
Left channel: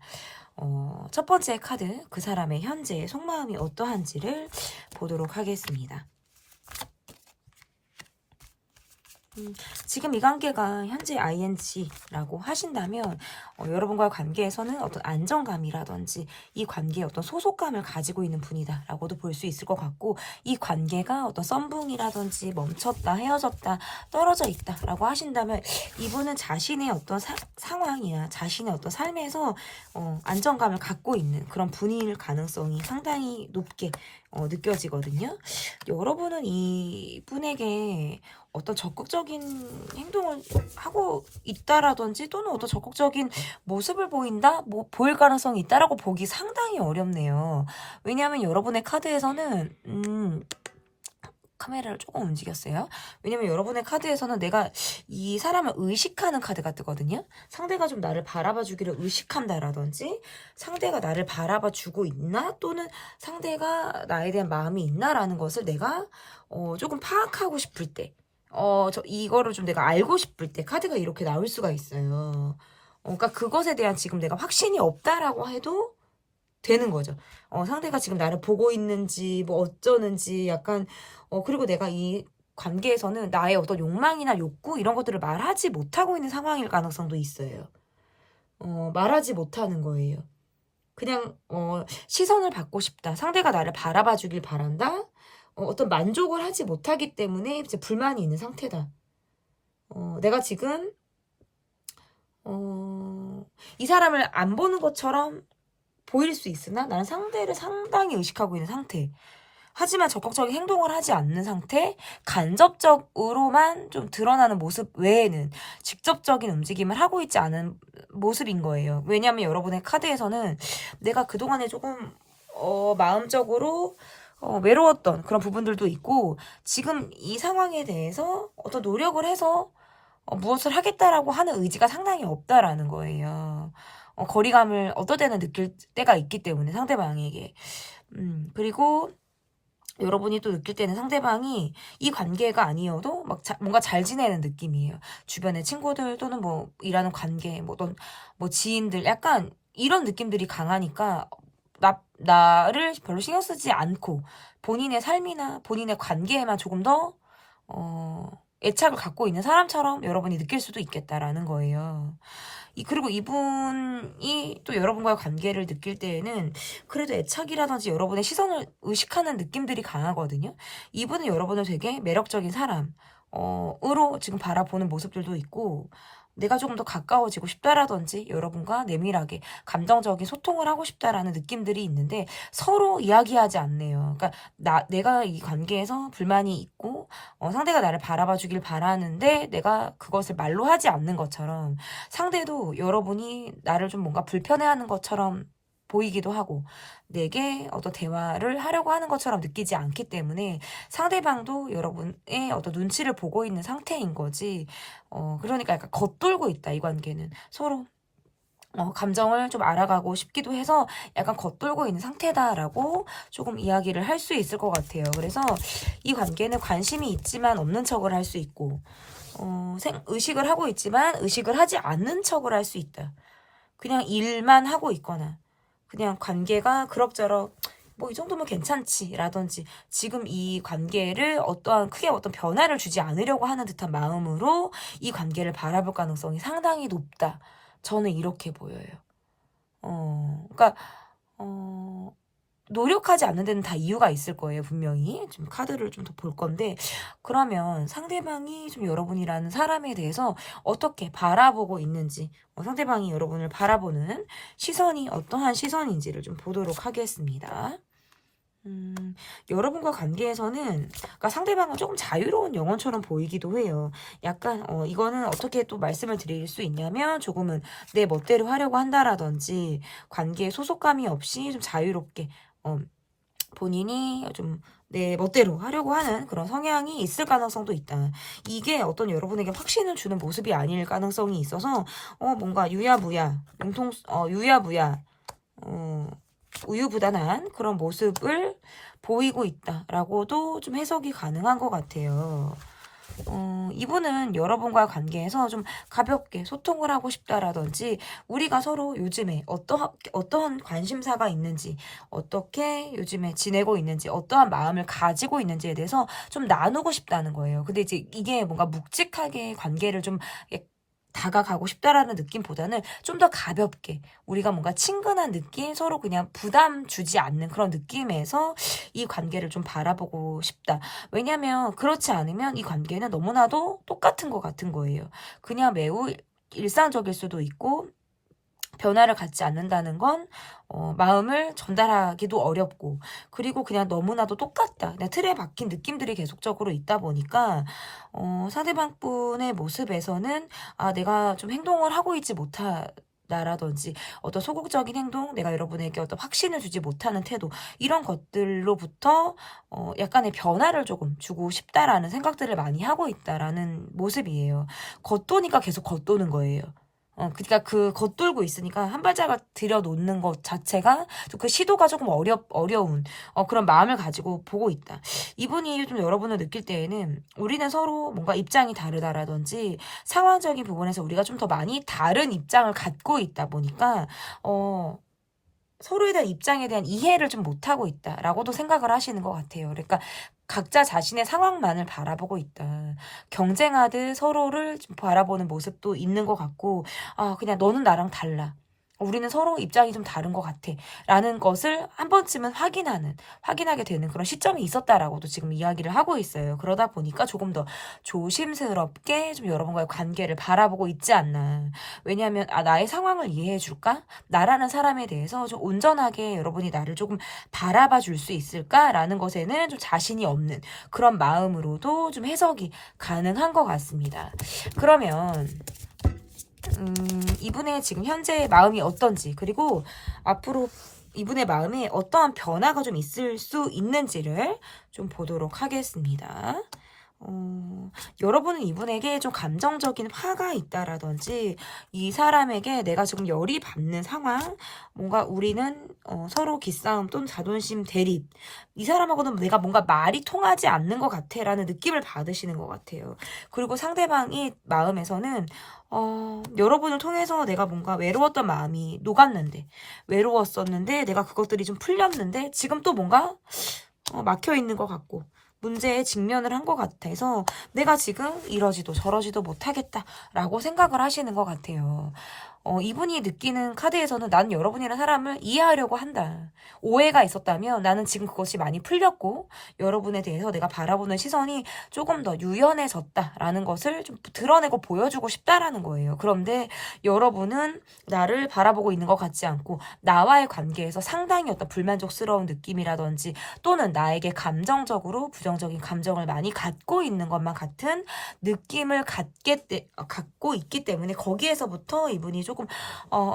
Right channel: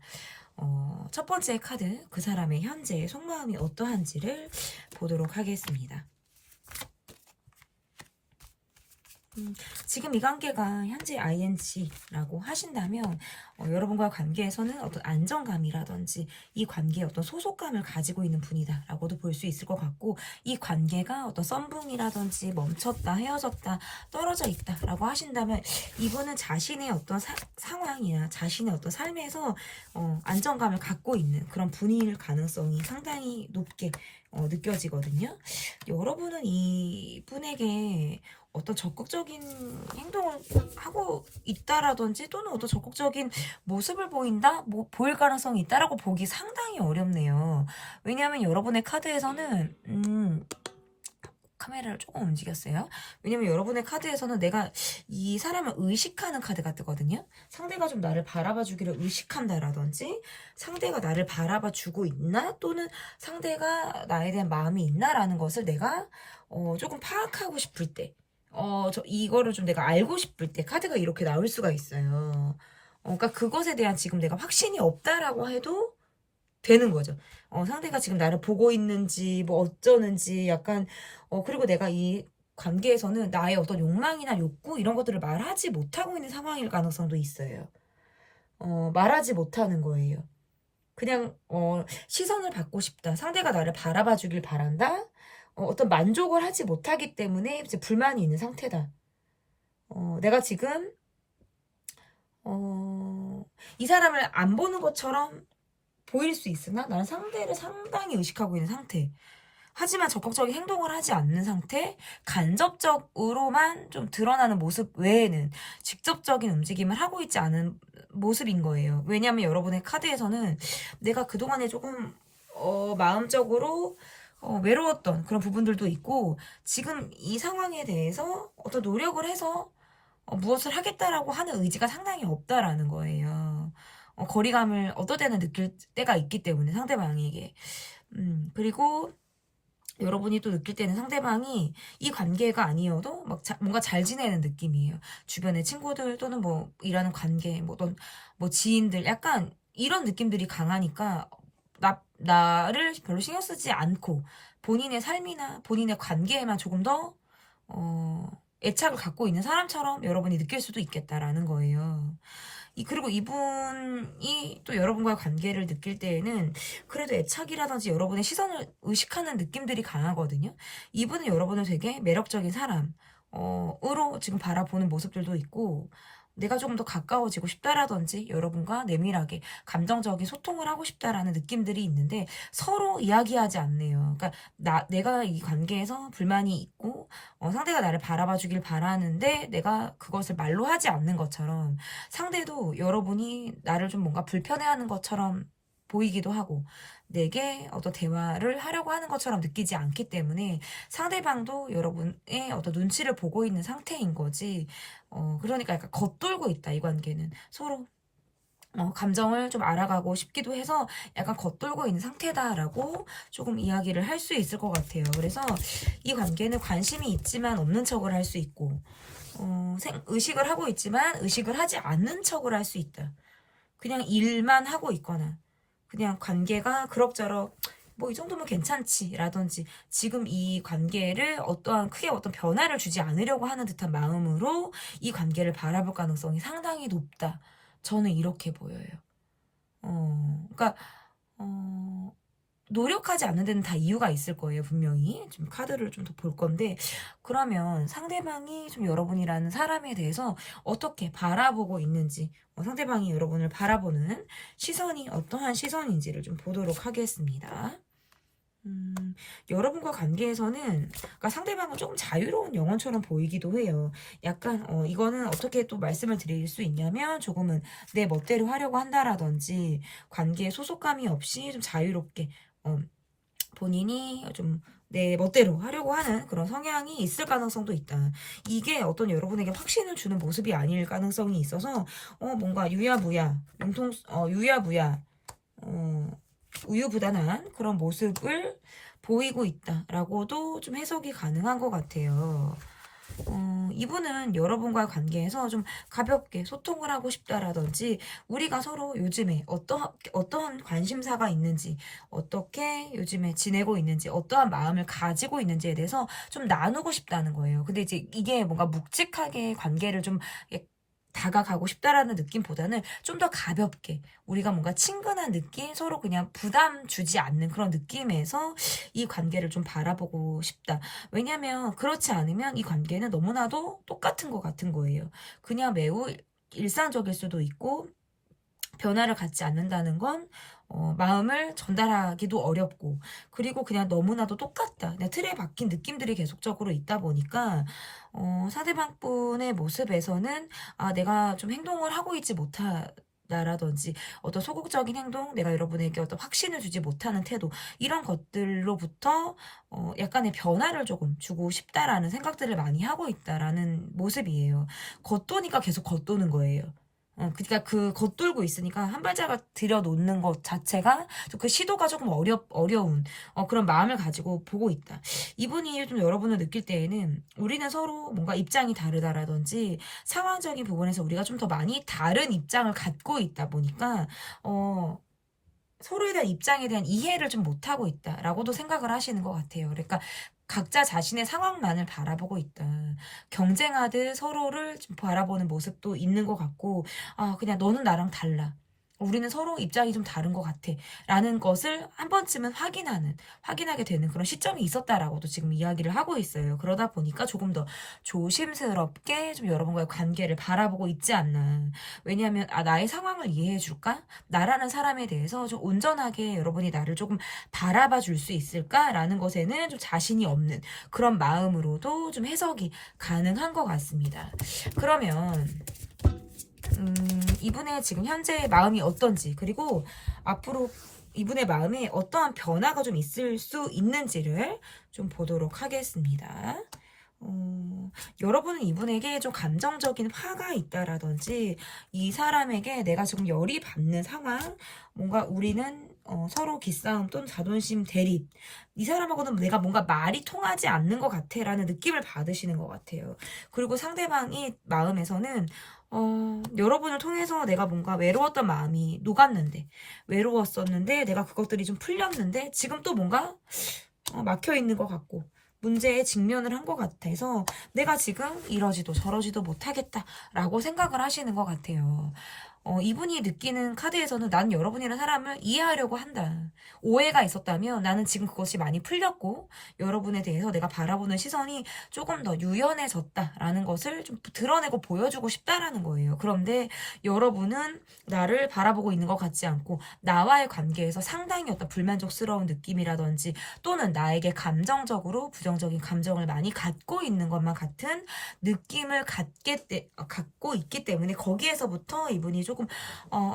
첫 번째 카드, 그 사람의 현재 속마음이 어떠한지를 보도록 하겠습니다. 지금 이 관계가 현재 ing라고 하신다면 여러분과의 관계에서는 어떤 안정감이라든지 이 관계에 어떤 소속감을 가지고 있는 분이다라고도 볼 수 있을 것 같고 이 관계가 어떤 썸붕이라든지 멈췄다, 헤어졌다, 떨어져 있다라고 하신다면 이분은 자신의 어떤 상황이나 자신의 어떤 삶에서 안정감을 갖고 있는 그런 분일 가능성이 상당히 높게 느껴지거든요. 여러분은 이분에게 어떤 적극적인 행동을 하고 있다라든지 또는 어떤 적극적인 모습을 보일 가능성이 있다라고 보기 상당히 어렵네요. 왜냐하면 여러분의 카드에서는 카메라를 조금 움직였어요. 왜냐면 여러분의 카드에서는 내가 이 사람을 의식하는 카드가 뜨거든요. 상대가 좀 나를 바라봐 주기를 의식한다라든지 상대가 나를 바라봐 주고 있나 또는 상대가 나에 대한 마음이 있나라는 것을 내가 조금 파악하고 싶을 때 이거를 좀 내가 알고 싶을 때 카드가 이렇게 나올 수가 있어요. 그러니까 그것에 대한 지금 내가 확신이 없다라고 해도 되는 거죠. 상대가 지금 나를 보고 있는지 뭐 어쩌는지 약간 그리고 내가 이 관계에서는 나의 어떤 욕망이나 욕구 이런 것들을 말하지 못하고 있는 상황일 가능성도 있어요. 말하지 못하는 거예요. 그냥 시선을 받고 싶다. 상대가 나를 바라봐 주길 바란다. 어떤 만족을 하지 못하기 때문에 이제 불만이 있는 상태다. 내가 지금 이 사람을 안 보는 것처럼 보일 수 있으나 나는 상대를 상당히 의식하고 있는 상태. 하지만 적극적인 행동을 하지 않는 상태, 간접적으로만 좀 드러나는 모습 외에는 직접적인 움직임을 하고 있지 않은 모습인 거예요. 왜냐하면 여러분의 카드에서는 내가 그동안에 조금 마음적으로 외로웠던 그런 부분들도 있고 지금 이 상황에 대해서 어떤 노력을 해서 무엇을 하겠다라고 하는 의지가 상당히 없다라는 거예요. 거리감을 어떨 때는 느낄 때가 있기 때문에 상대방에게. 그리고 여러분이 또 느낄 때는 상대방이 이 관계가 아니어도 막 뭔가 잘 지내는 느낌이에요. 주변의 친구들 또는 뭐 일하는 관계, 뭐 지인들 약간 이런 느낌들이 강하니까 나를 별로 신경 쓰지 않고 본인의 삶이나 본인의 관계에만 조금 더 애착을 갖고 있는 사람처럼 여러분이 느낄 수도 있겠다라는 거예요. 그리고 이분이 또 여러분과의 관계를 느낄 때에는 그래도 애착이라든지 여러분의 시선을 의식하는 느낌들이 강하거든요. 이분은 여러분을 되게 매력적인 사람으로 지금 바라보는 모습들도 있고 내가 조금 더 가까워지고 싶다라든지 여러분과 내밀하게 감정적인 소통을 하고 싶다라는 느낌들이 있는데 서로 이야기하지 않네요. 그러니까 내가 이 관계에서 불만이 있고 상대가 나를 바라봐 주길 바라는데 내가 그것을 말로 하지 않는 것처럼 상대도 여러분이 나를 좀 뭔가 불편해하는 것처럼 보이기도 하고 내게 어떤 대화를 하려고 하는 것처럼 느끼지 않기 때문에 상대방도 여러분의 어떤 눈치를 보고 있는 상태인 거지. 그러니까 약간 겉돌고 있다, 이 관계는. 서로 감정을 좀 알아가고 싶기도 해서 약간 겉돌고 있는 상태다라고 조금 이야기를 할 수 있을 것 같아요. 그래서 이 관계는 관심이 있지만 없는 척을 할 수 있고 의식을 하고 있지만 의식을 하지 않는 척을 할 수 있다. 그냥 일만 하고 있거나 그냥 관계가 그럭저럭 뭐 이 정도면 괜찮지 라든지 지금 이 관계를 크게 어떤 변화를 주지 않으려고 하는 듯한 마음으로 이 관계를 바라볼 가능성이 상당히 높다. 저는 이렇게 보여요. 그러니까 노력하지 않는 데는 다 이유가 있을 거예요, 분명히. 좀 카드를 좀 더 볼 건데, 그러면 상대방이 좀 여러분이라는 사람에 대해서 어떻게 바라보고 있는지, 상대방이 여러분을 바라보는 시선이 어떠한 시선인지를 좀 보도록 하겠습니다. 여러분과 관계에서는 그러니까 상대방은 조금 자유로운 영혼처럼 보이기도 해요. 약간 이거는 어떻게 또 말씀을 드릴 수 있냐면 조금은 내 멋대로 하려고 한다라든지 관계에 소속감이 없이 좀 자유롭게 본인이 좀 내 멋대로 하려고 하는 그런 성향이 있을 가능성도 있다. 이게 어떤 여러분에게 확신을 주는 모습이 아닐 가능성이 있어서 뭔가 유야무야 우유부단한 그런 모습을 보이고 있다라고도 좀 해석이 가능한 것 같아요. 이분은 여러분과 관계에서 좀 가볍게 소통을 하고 싶다라든지 우리가 서로 요즘에 어떠한 관심사가 있는지 어떻게 요즘에 지내고 있는지 어떠한 마음을 가지고 있는지에 대해서 좀 나누고 싶다는 거예요. 근데 이제 이게 뭔가 묵직하게 관계를 좀 다가가고 싶다라는 느낌보다는 좀 더 가볍게 우리가 뭔가 친근한 느낌 서로 그냥 부담 주지 않는 그런 느낌에서 이 관계를 좀 바라보고 싶다. 왜냐면 그렇지 않으면 이 관계는 너무나도 똑같은 것 같은 거예요. 그냥 매우 일상적일 수도 있고 변화를 갖지 않는다는 건 마음을 전달하기도 어렵고 그리고 그냥 너무나도 똑같다. 그냥 틀에 박힌 느낌들이 계속적으로 있다 보니까 상대방 분의 모습에서는 내가 좀 행동을 하고 있지 못하다라든지 어떤 소극적인 행동, 내가 여러분에게 어떤 확신을 주지 못하는 태도 이런 것들로부터 약간의 변화를 조금 주고 싶다라는 생각들을 많이 하고 있다라는 모습이에요. 겉도니까 계속 겉도는 거예요. 그러니까 그 겉돌고 있으니까 한 발자국 들여놓는 것 자체가 그 시도가 조금 어려운 그런 마음을 가지고 보고 있다. 이분이 좀 여러분을 느낄 때에는 우리는 서로 뭔가 입장이 다르다라든지 상황적인 부분에서 우리가 좀 더 많이 다른 입장을 갖고 있다 보니까 서로에 대한 입장에 대한 이해를 좀 못하고 있다라고도 생각을 하시는 것 같아요. 그러니까 각자 자신의 상황만을 바라보고 있다. 경쟁하듯 서로를 좀 바라보는 모습도 있는 것 같고, 그냥 너는 나랑 달라. 우리는 서로 입장이 좀 다른 것 같아. 라는 것을 한 번쯤은 확인하게 되는 그런 시점이 있었다라고도 지금 이야기를 하고 있어요. 그러다 보니까 조금 더 조심스럽게 좀 여러분과의 관계를 바라보고 있지 않나. 왜냐하면, 나의 상황을 이해해 줄까? 나라는 사람에 대해서 좀 온전하게 여러분이 나를 조금 바라봐 줄 수 있을까라는 것에는 좀 자신이 없는 그런 마음으로도 좀 해석이 가능한 것 같습니다. 그러면, 이분의 지금 현재 마음이 어떤지 그리고 앞으로 이분의 마음에 어떠한 변화가 좀 있을 수 있는지를 좀 보도록 하겠습니다. 여러분은 이분에게 좀 감정적인 화가 있다라든지 이 사람에게 내가 지금 열이 받는 상황, 뭔가 우리는 서로 기싸움 또는 자존심 대립, 이 사람하고는 내가 뭔가 말이 통하지 않는 것 같아 라는 느낌을 받으시는 것 같아요. 그리고 상대방이 마음에서는 여러분을 통해서 내가 뭔가 외로웠던 마음이 녹았는데, 외로웠었는데 내가 그것들이 좀 풀렸는데 지금 또 뭔가 막혀 있는 것 같고 문제에 직면을 한 것 같아서 내가 지금 이러지도 저러지도 못하겠다라고 생각을 하시는 것 같아요. 이분이 느끼는 카드에서는 나는 여러분이라는 사람을 이해하려고 한다. 오해가 있었다면 나는 지금 그것이 많이 풀렸고 여러분에 대해서 내가 바라보는 시선이 조금 더 유연해졌다라는 것을 좀 드러내고 보여주고 싶다라는 거예요. 그런데 여러분은 나를 바라보고 있는 것 같지 않고 나와의 관계에서 상당히 어떤 불만족스러운 느낌이라든지 또는 나에게 감정적으로 부정적인 감정을 많이 갖고 있는 것만 같은 느낌을 갖고 있기 때문에 거기에서부터 이분이 조금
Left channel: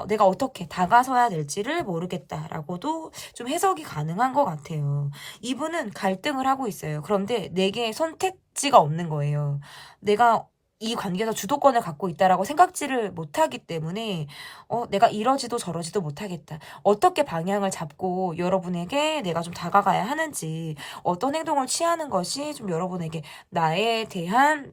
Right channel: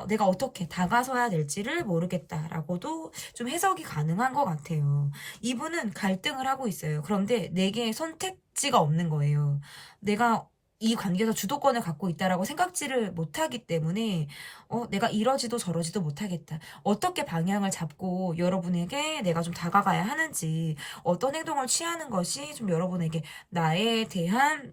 내가 어떻게 다가서야 될지를 모르겠다라고도 좀 해석이 가능한 것 같아요. 이분은 갈등을 하고 있어요. 그런데 내게 선택지가 없는 거예요. 내가 이 관계에서 주도권을 갖고 있다라고 생각지를 못하기 때문에 내가 이러지도 저러지도 못하겠다. 어떻게 방향을 잡고 여러분에게 내가 좀 다가가야 하는지 어떤 행동을 취하는 것이 좀 여러분에게 나에 대한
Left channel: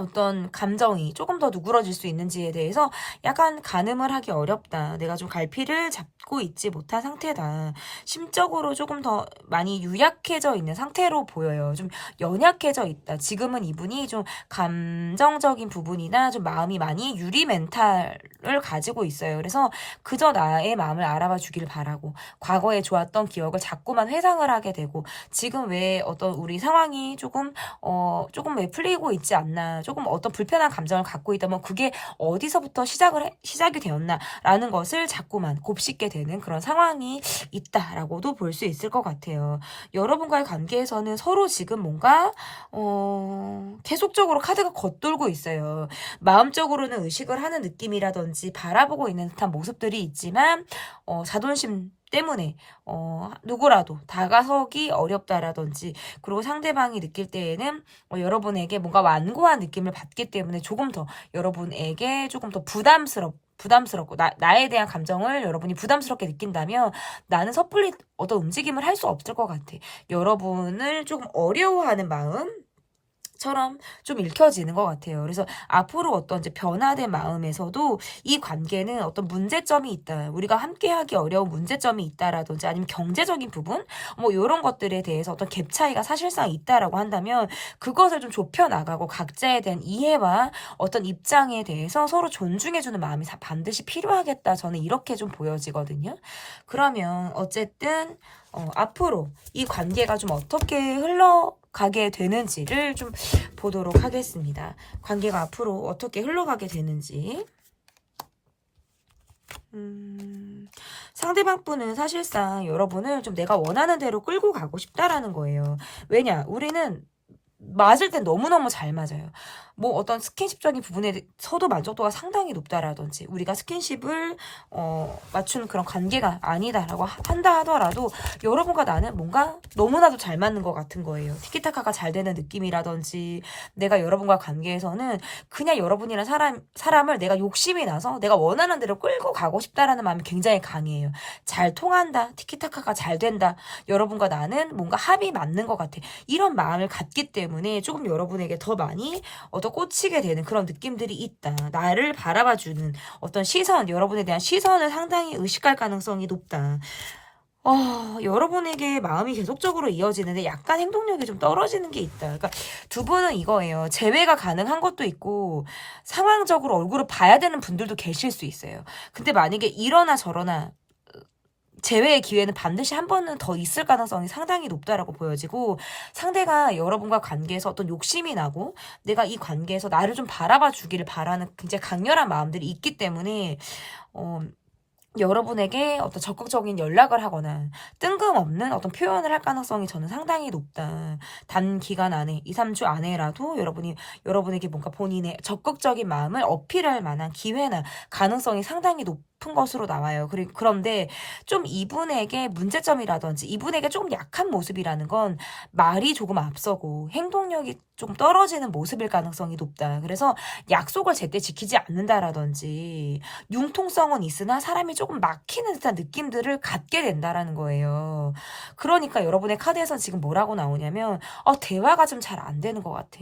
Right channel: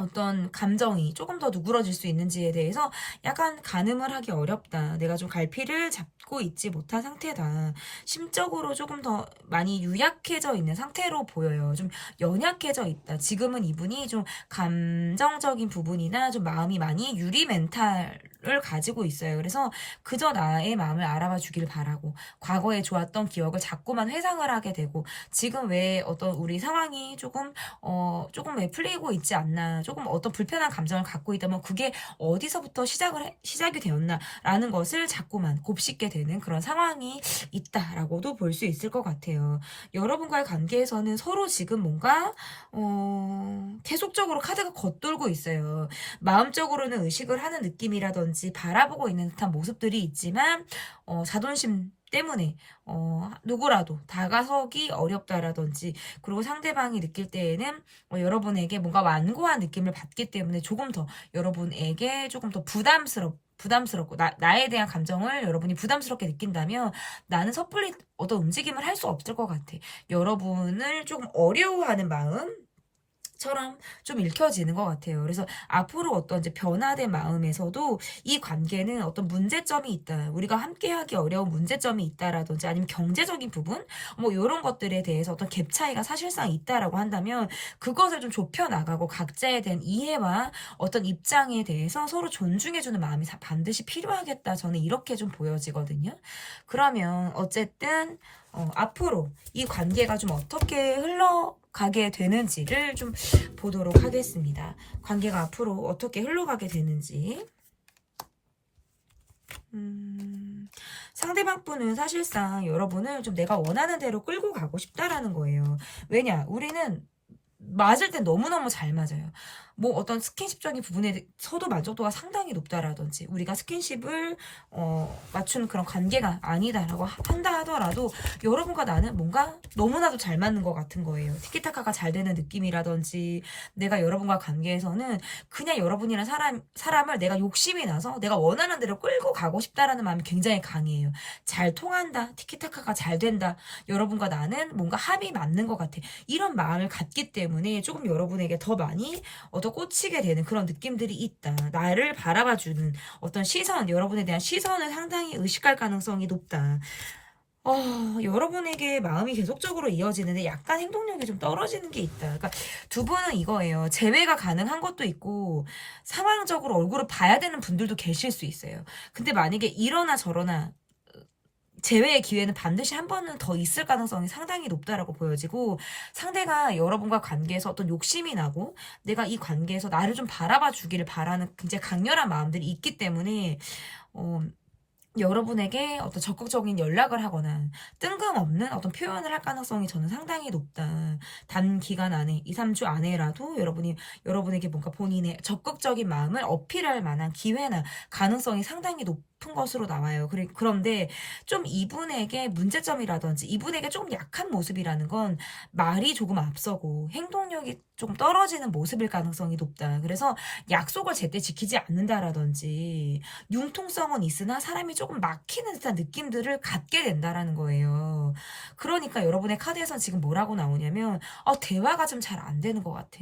어떤 감정이 조금 더 누그러질 수 있는지에 대해서 약간 가늠을 하기 어렵다. 내가 좀 갈피를 잡고 있지 못한 상태다. 심적으로 조금 더 많이 유약해져 있는 상태로 보여요. 좀 연약해져 있다. 지금은 이분이 좀 감정적인 부분이나 좀 마음이 많이 유리 멘탈을 가지고 있어요. 그래서 그저 나의 마음을 알아봐 주길 바라고 과거에 좋았던 기억을 자꾸만 회상을 하게 되고 지금 왜 어떤 우리 상황이 조금 왜 풀리고 있지 않나 조금 어떤 불편한 감정을 갖고 있다면 그게 어디서부터 시작이 되었나라는 것을 자꾸만 곱씹게 되는 그런 상황이 있다라고도 볼 수 있을 것 같아요. 여러분과의 관계에서는 서로 지금 뭔가 계속적으로 카드가 겉돌고 있어요. 마음적으로는 의식을 하는 느낌이라든지 바라보고 있는 듯한 모습들이 있지만 자존심 때문에 누구라도 다가서기 어렵다라든지 그리고 상대방이 느낄 때에는 여러분에게 뭔가 완고한 느낌을 받기 때문에 조금 더 여러분에게 조금 더 부담스럽고 나에 대한 감정을 여러분이 부담스럽게 느낀다면 나는 섣불리 어떤 움직임을 할 수 없을 것 같아. 여러분을 조금 어려워하는 마음 처럼 좀 읽혀지는 것 같아요. 그래서 앞으로 어떤 이제 변화된 마음에서도 이 관계는 어떤 문제점이 있다. 우리가 함께하기 어려운 문제점이 있다라든지 아니면 경제적인 부분 뭐 이런 것들에 대해서 어떤 갭 차이가 사실상 있다라고 한다면 그것을 좀 좁혀 나가고 각자에 대한 이해와 어떤 입장에 대해서 서로 존중해주는 마음이 반드시 필요하겠다. 저는 이렇게 좀 보여지거든요. 그러면 어쨌든 앞으로 이 관계가 좀 어떻게 흘러가게 되는지를 좀 보도록 하겠습니다. 관계가 앞으로 어떻게 흘러가게 되는지. 상대방 분은 사실상 여러분을 좀 내가 원하는 대로 끌고 가고 싶다라는 거예요. 왜냐? 우리는 맞을 땐 너무너무 잘 맞아요. 뭐 어떤 스킨십적인 부분에서도 만족도가 상당히 높다라든지 우리가 스킨십을 맞춘 그런 관계가 아니다라고 한다 하더라도 여러분과 나는 뭔가 너무나도 잘 맞는 것 같은 거예요. 티키타카가 잘 되는 느낌이라든지 내가 여러분과 관계에서는 그냥 여러분이란 사람을 내가 욕심이 나서 내가 원하는 대로 끌고 가고 싶다라는 마음이 굉장히 강해요. 잘 통한다. 티키타카가 잘 된다. 여러분과 나는 뭔가 합이 맞는 것 같아. 이런 마음을 갖기 때문에 조금 여러분에게 더 많이 꽂히게 되는 그런 느낌들이 있다. 나를 바라봐주는 어떤 시선, 여러분에 대한 시선을 상당히 의식할 가능성이 높다. 여러분에게 마음이 계속적으로 이어지는데 약간 행동력이 좀 떨어지는 게 있다. 그러니까 두 분은 이거예요. 재회가 가능한 것도 있고 상황적으로 얼굴을 봐야 되는 분들도 계실 수 있어요. 근데 만약에 이러나 저러나 재회의 기회는 반드시 한 번은 더 있을 가능성이 상당히 높다라고 보여지고 상대가 여러분과 관계에서 어떤 욕심이 나고 내가 이 관계에서 나를 좀 바라봐 주기를 바라는 굉장히 강렬한 마음들이 있기 때문에 여러분에게 어떤 적극적인 연락을 하거나 뜬금없는 어떤 표현을 할 가능성이 저는 상당히 높다. 단기간 안에 2, 3주 안에라도 여러분에게 뭔가 본인의 적극적인 마음을 어필할 만한 기회나 가능성이 상당히 싶은 것으로 나와요. 그런데 좀 이분에게 문제점이라든지 이분에게 조금 약한 모습이라는 건 말이 조금 앞서고 행동력이 좀 떨어지는 모습일 가능성이 높다. 그래서 약속을 제때 지키지 않는다라든지 융통성은 있으나 사람이 조금 막히는 듯한 느낌들을 갖게 된다라는 거예요. 그러니까 여러분의 카드에서 지금 뭐라고 나오냐면 대화가 좀 잘 안 되는 것 같아.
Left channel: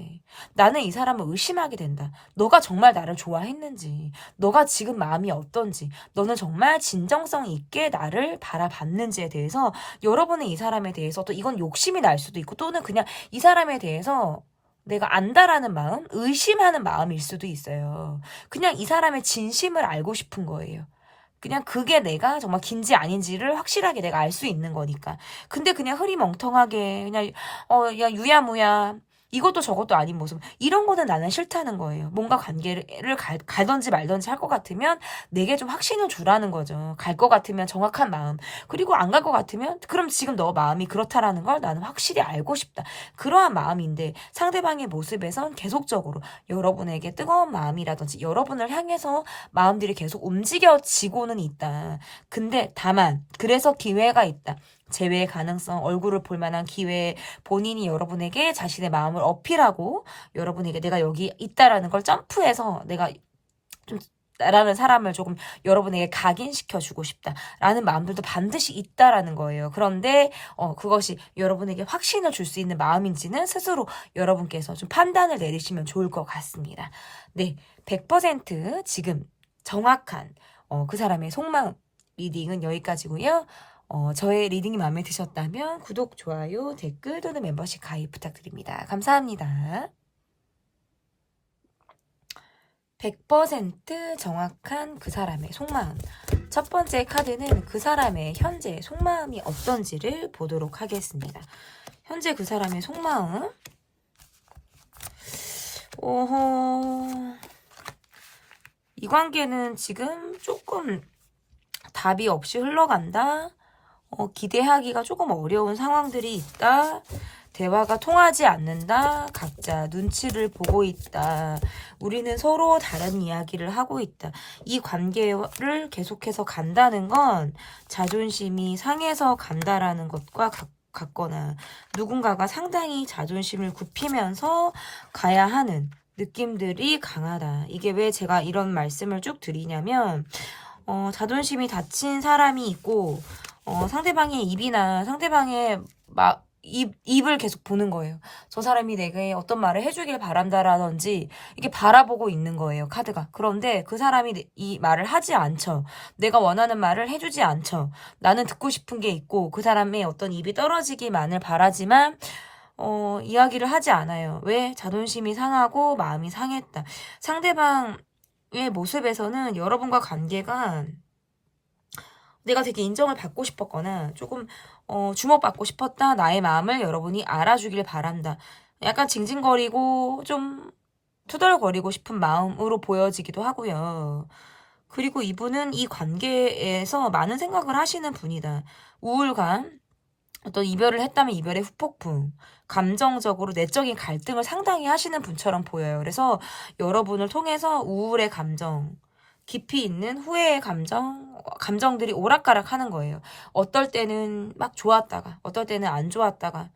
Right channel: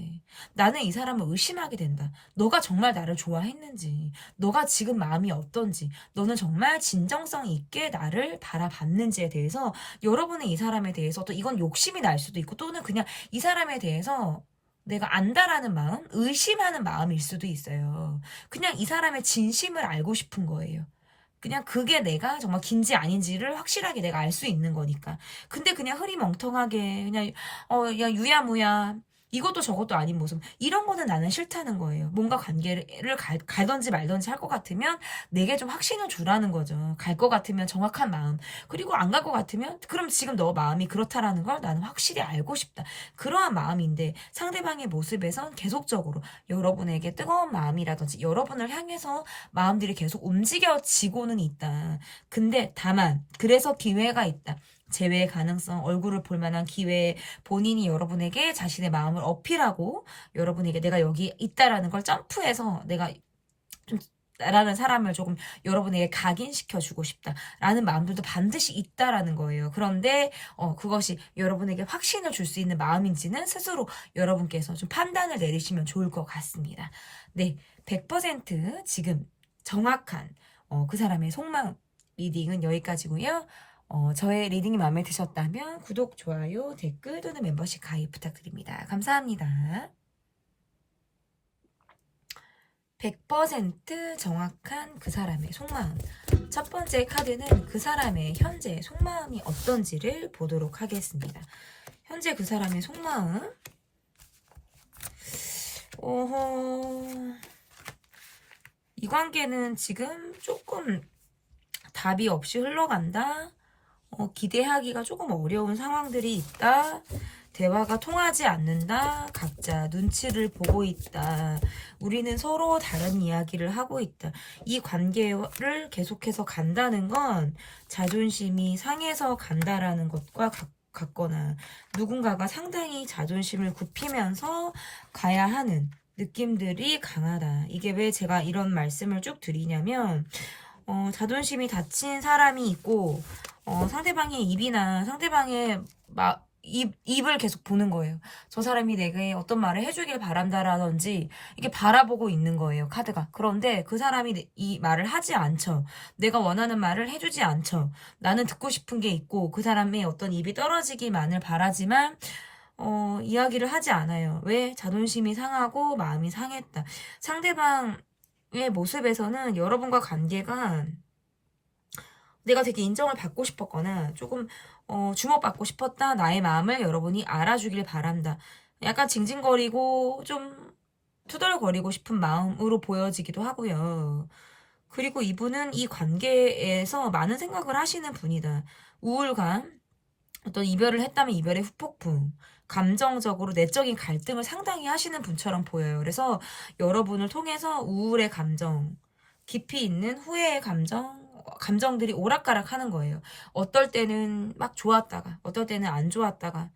나는 이 사람을 의심하게 된다. 너가 정말 나를 좋아했는지, 너가 지금 마음이 어떤지, 너는 정말 진정성 있게 나를 바라봤는지에 대해서 여러분은 이 사람에 대해서 또 이건 욕심이 날 수도 있고 또는 그냥 이 사람에 대해서 내가 안다라는 마음, 의심하는 마음일 수도 있어요. 그냥 이 사람의 진심을 알고 싶은 거예요. 그냥 그게 내가 정말 긴지 아닌지를 확실하게 내가 알 수 있는 거니까. 근데 그냥 흐리멍텅하게 그냥 유야무야 이것도 저것도 아닌 모습 이런 거는 나는 싫다는 거예요. 뭔가 관계를 가든지 말든지 할 것 같으면 내게 좀 확신을 주라는 거죠. 갈 것 같으면 정확한 마음 그리고 안 갈 것 같으면 그럼 지금 너 마음이 그렇다라는 걸 나는 확실히 알고 싶다. 그러한 마음인데 상대방의 모습에선 계속적으로 여러분에게 뜨거운 마음이라든지 여러분을 향해서 마음들이 계속 움직여지고는 있다. 근데 다만 그래서 기회가 있다. 재회의 가능성, 얼굴을 볼 만한 기회에 본인이 여러분에게 자신의 마음을 어필하고 여러분에게 내가 여기 있다라는 걸 점프해서 내가 좀 나라는 사람을 조금 여러분에게 각인시켜주고 싶다라는 마음들도 반드시 있다라는 거예요. 그런데 그것이 여러분에게 확신을 줄 수 있는 마음인지는 스스로 여러분께서 좀 판단을 내리시면 좋을 것 같습니다. 네, 100% 지금 정확한 그 사람의 속마음 리딩은 여기까지고요. 저의 리딩이 마음에 드셨다면 구독, 좋아요, 댓글 또는 멤버십 가입 부탁드립니다. 감사합니다. 100% 정확한 그 사람의 속마음. 첫 번째 카드는 그 사람의 현재 속마음이 어떤지를 보도록 하겠습니다. 현재 그 사람의 속마음. 이 관계는 지금 조금 답이 없이 흘러간다. 기대하기가 조금 어려운 상황들이 있다. 대화가 통하지 않는다. 각자 눈치를 보고 있다. 우리는 서로 다른 이야기를 하고 있다. 이 관계를 계속해서 간다는 건 자존심이 상해서 간다라는 것과 같거나 누군가가 상당히 자존심을 굽히면서 가야 하는 느낌들이 강하다. 이게 왜 제가 이런 말씀을 쭉 드리냐면 자존심이 다친 사람이 있고 상대방의 입이나 상대방의 입을 계속 보는 거예요. 저 사람이 내게 어떤 말을 해주길 바란다라든지 이게 바라보고 있는 거예요. 카드가. 그런데 그 사람이 이 말을 하지 않죠. 내가 원하는 말을 해주지 않죠. 나는 듣고 싶은 게 있고 그 사람의 어떤 입이 떨어지기만을 바라지만 이야기를 하지 않아요. 왜? 자존심이 상하고 마음이 상했다. 상대방의 모습에서는 여러분과 관계가 내가 되게 인정을 받고 싶었거나 조금 주목받고 싶었다. 나의 마음을 여러분이 알아주길 바란다. 약간 징징거리고 좀 투덜거리고 싶은 마음으로 보여지기도 하고요. 그리고 이분은 이 관계에서 많은 생각을 하시는 분이다. 우울감, 어떤 이별을 했다면 이별의 후폭풍, 감정적으로 내적인 갈등을 상당히 하시는 분처럼 보여요. 그래서 여러분을 통해서 우울의 감정, 깊이 있는 후회의 감정들이 오락가락 하는 거예요. 어떨 때는 막 좋았다가, 어떨 때는 안 좋았다가,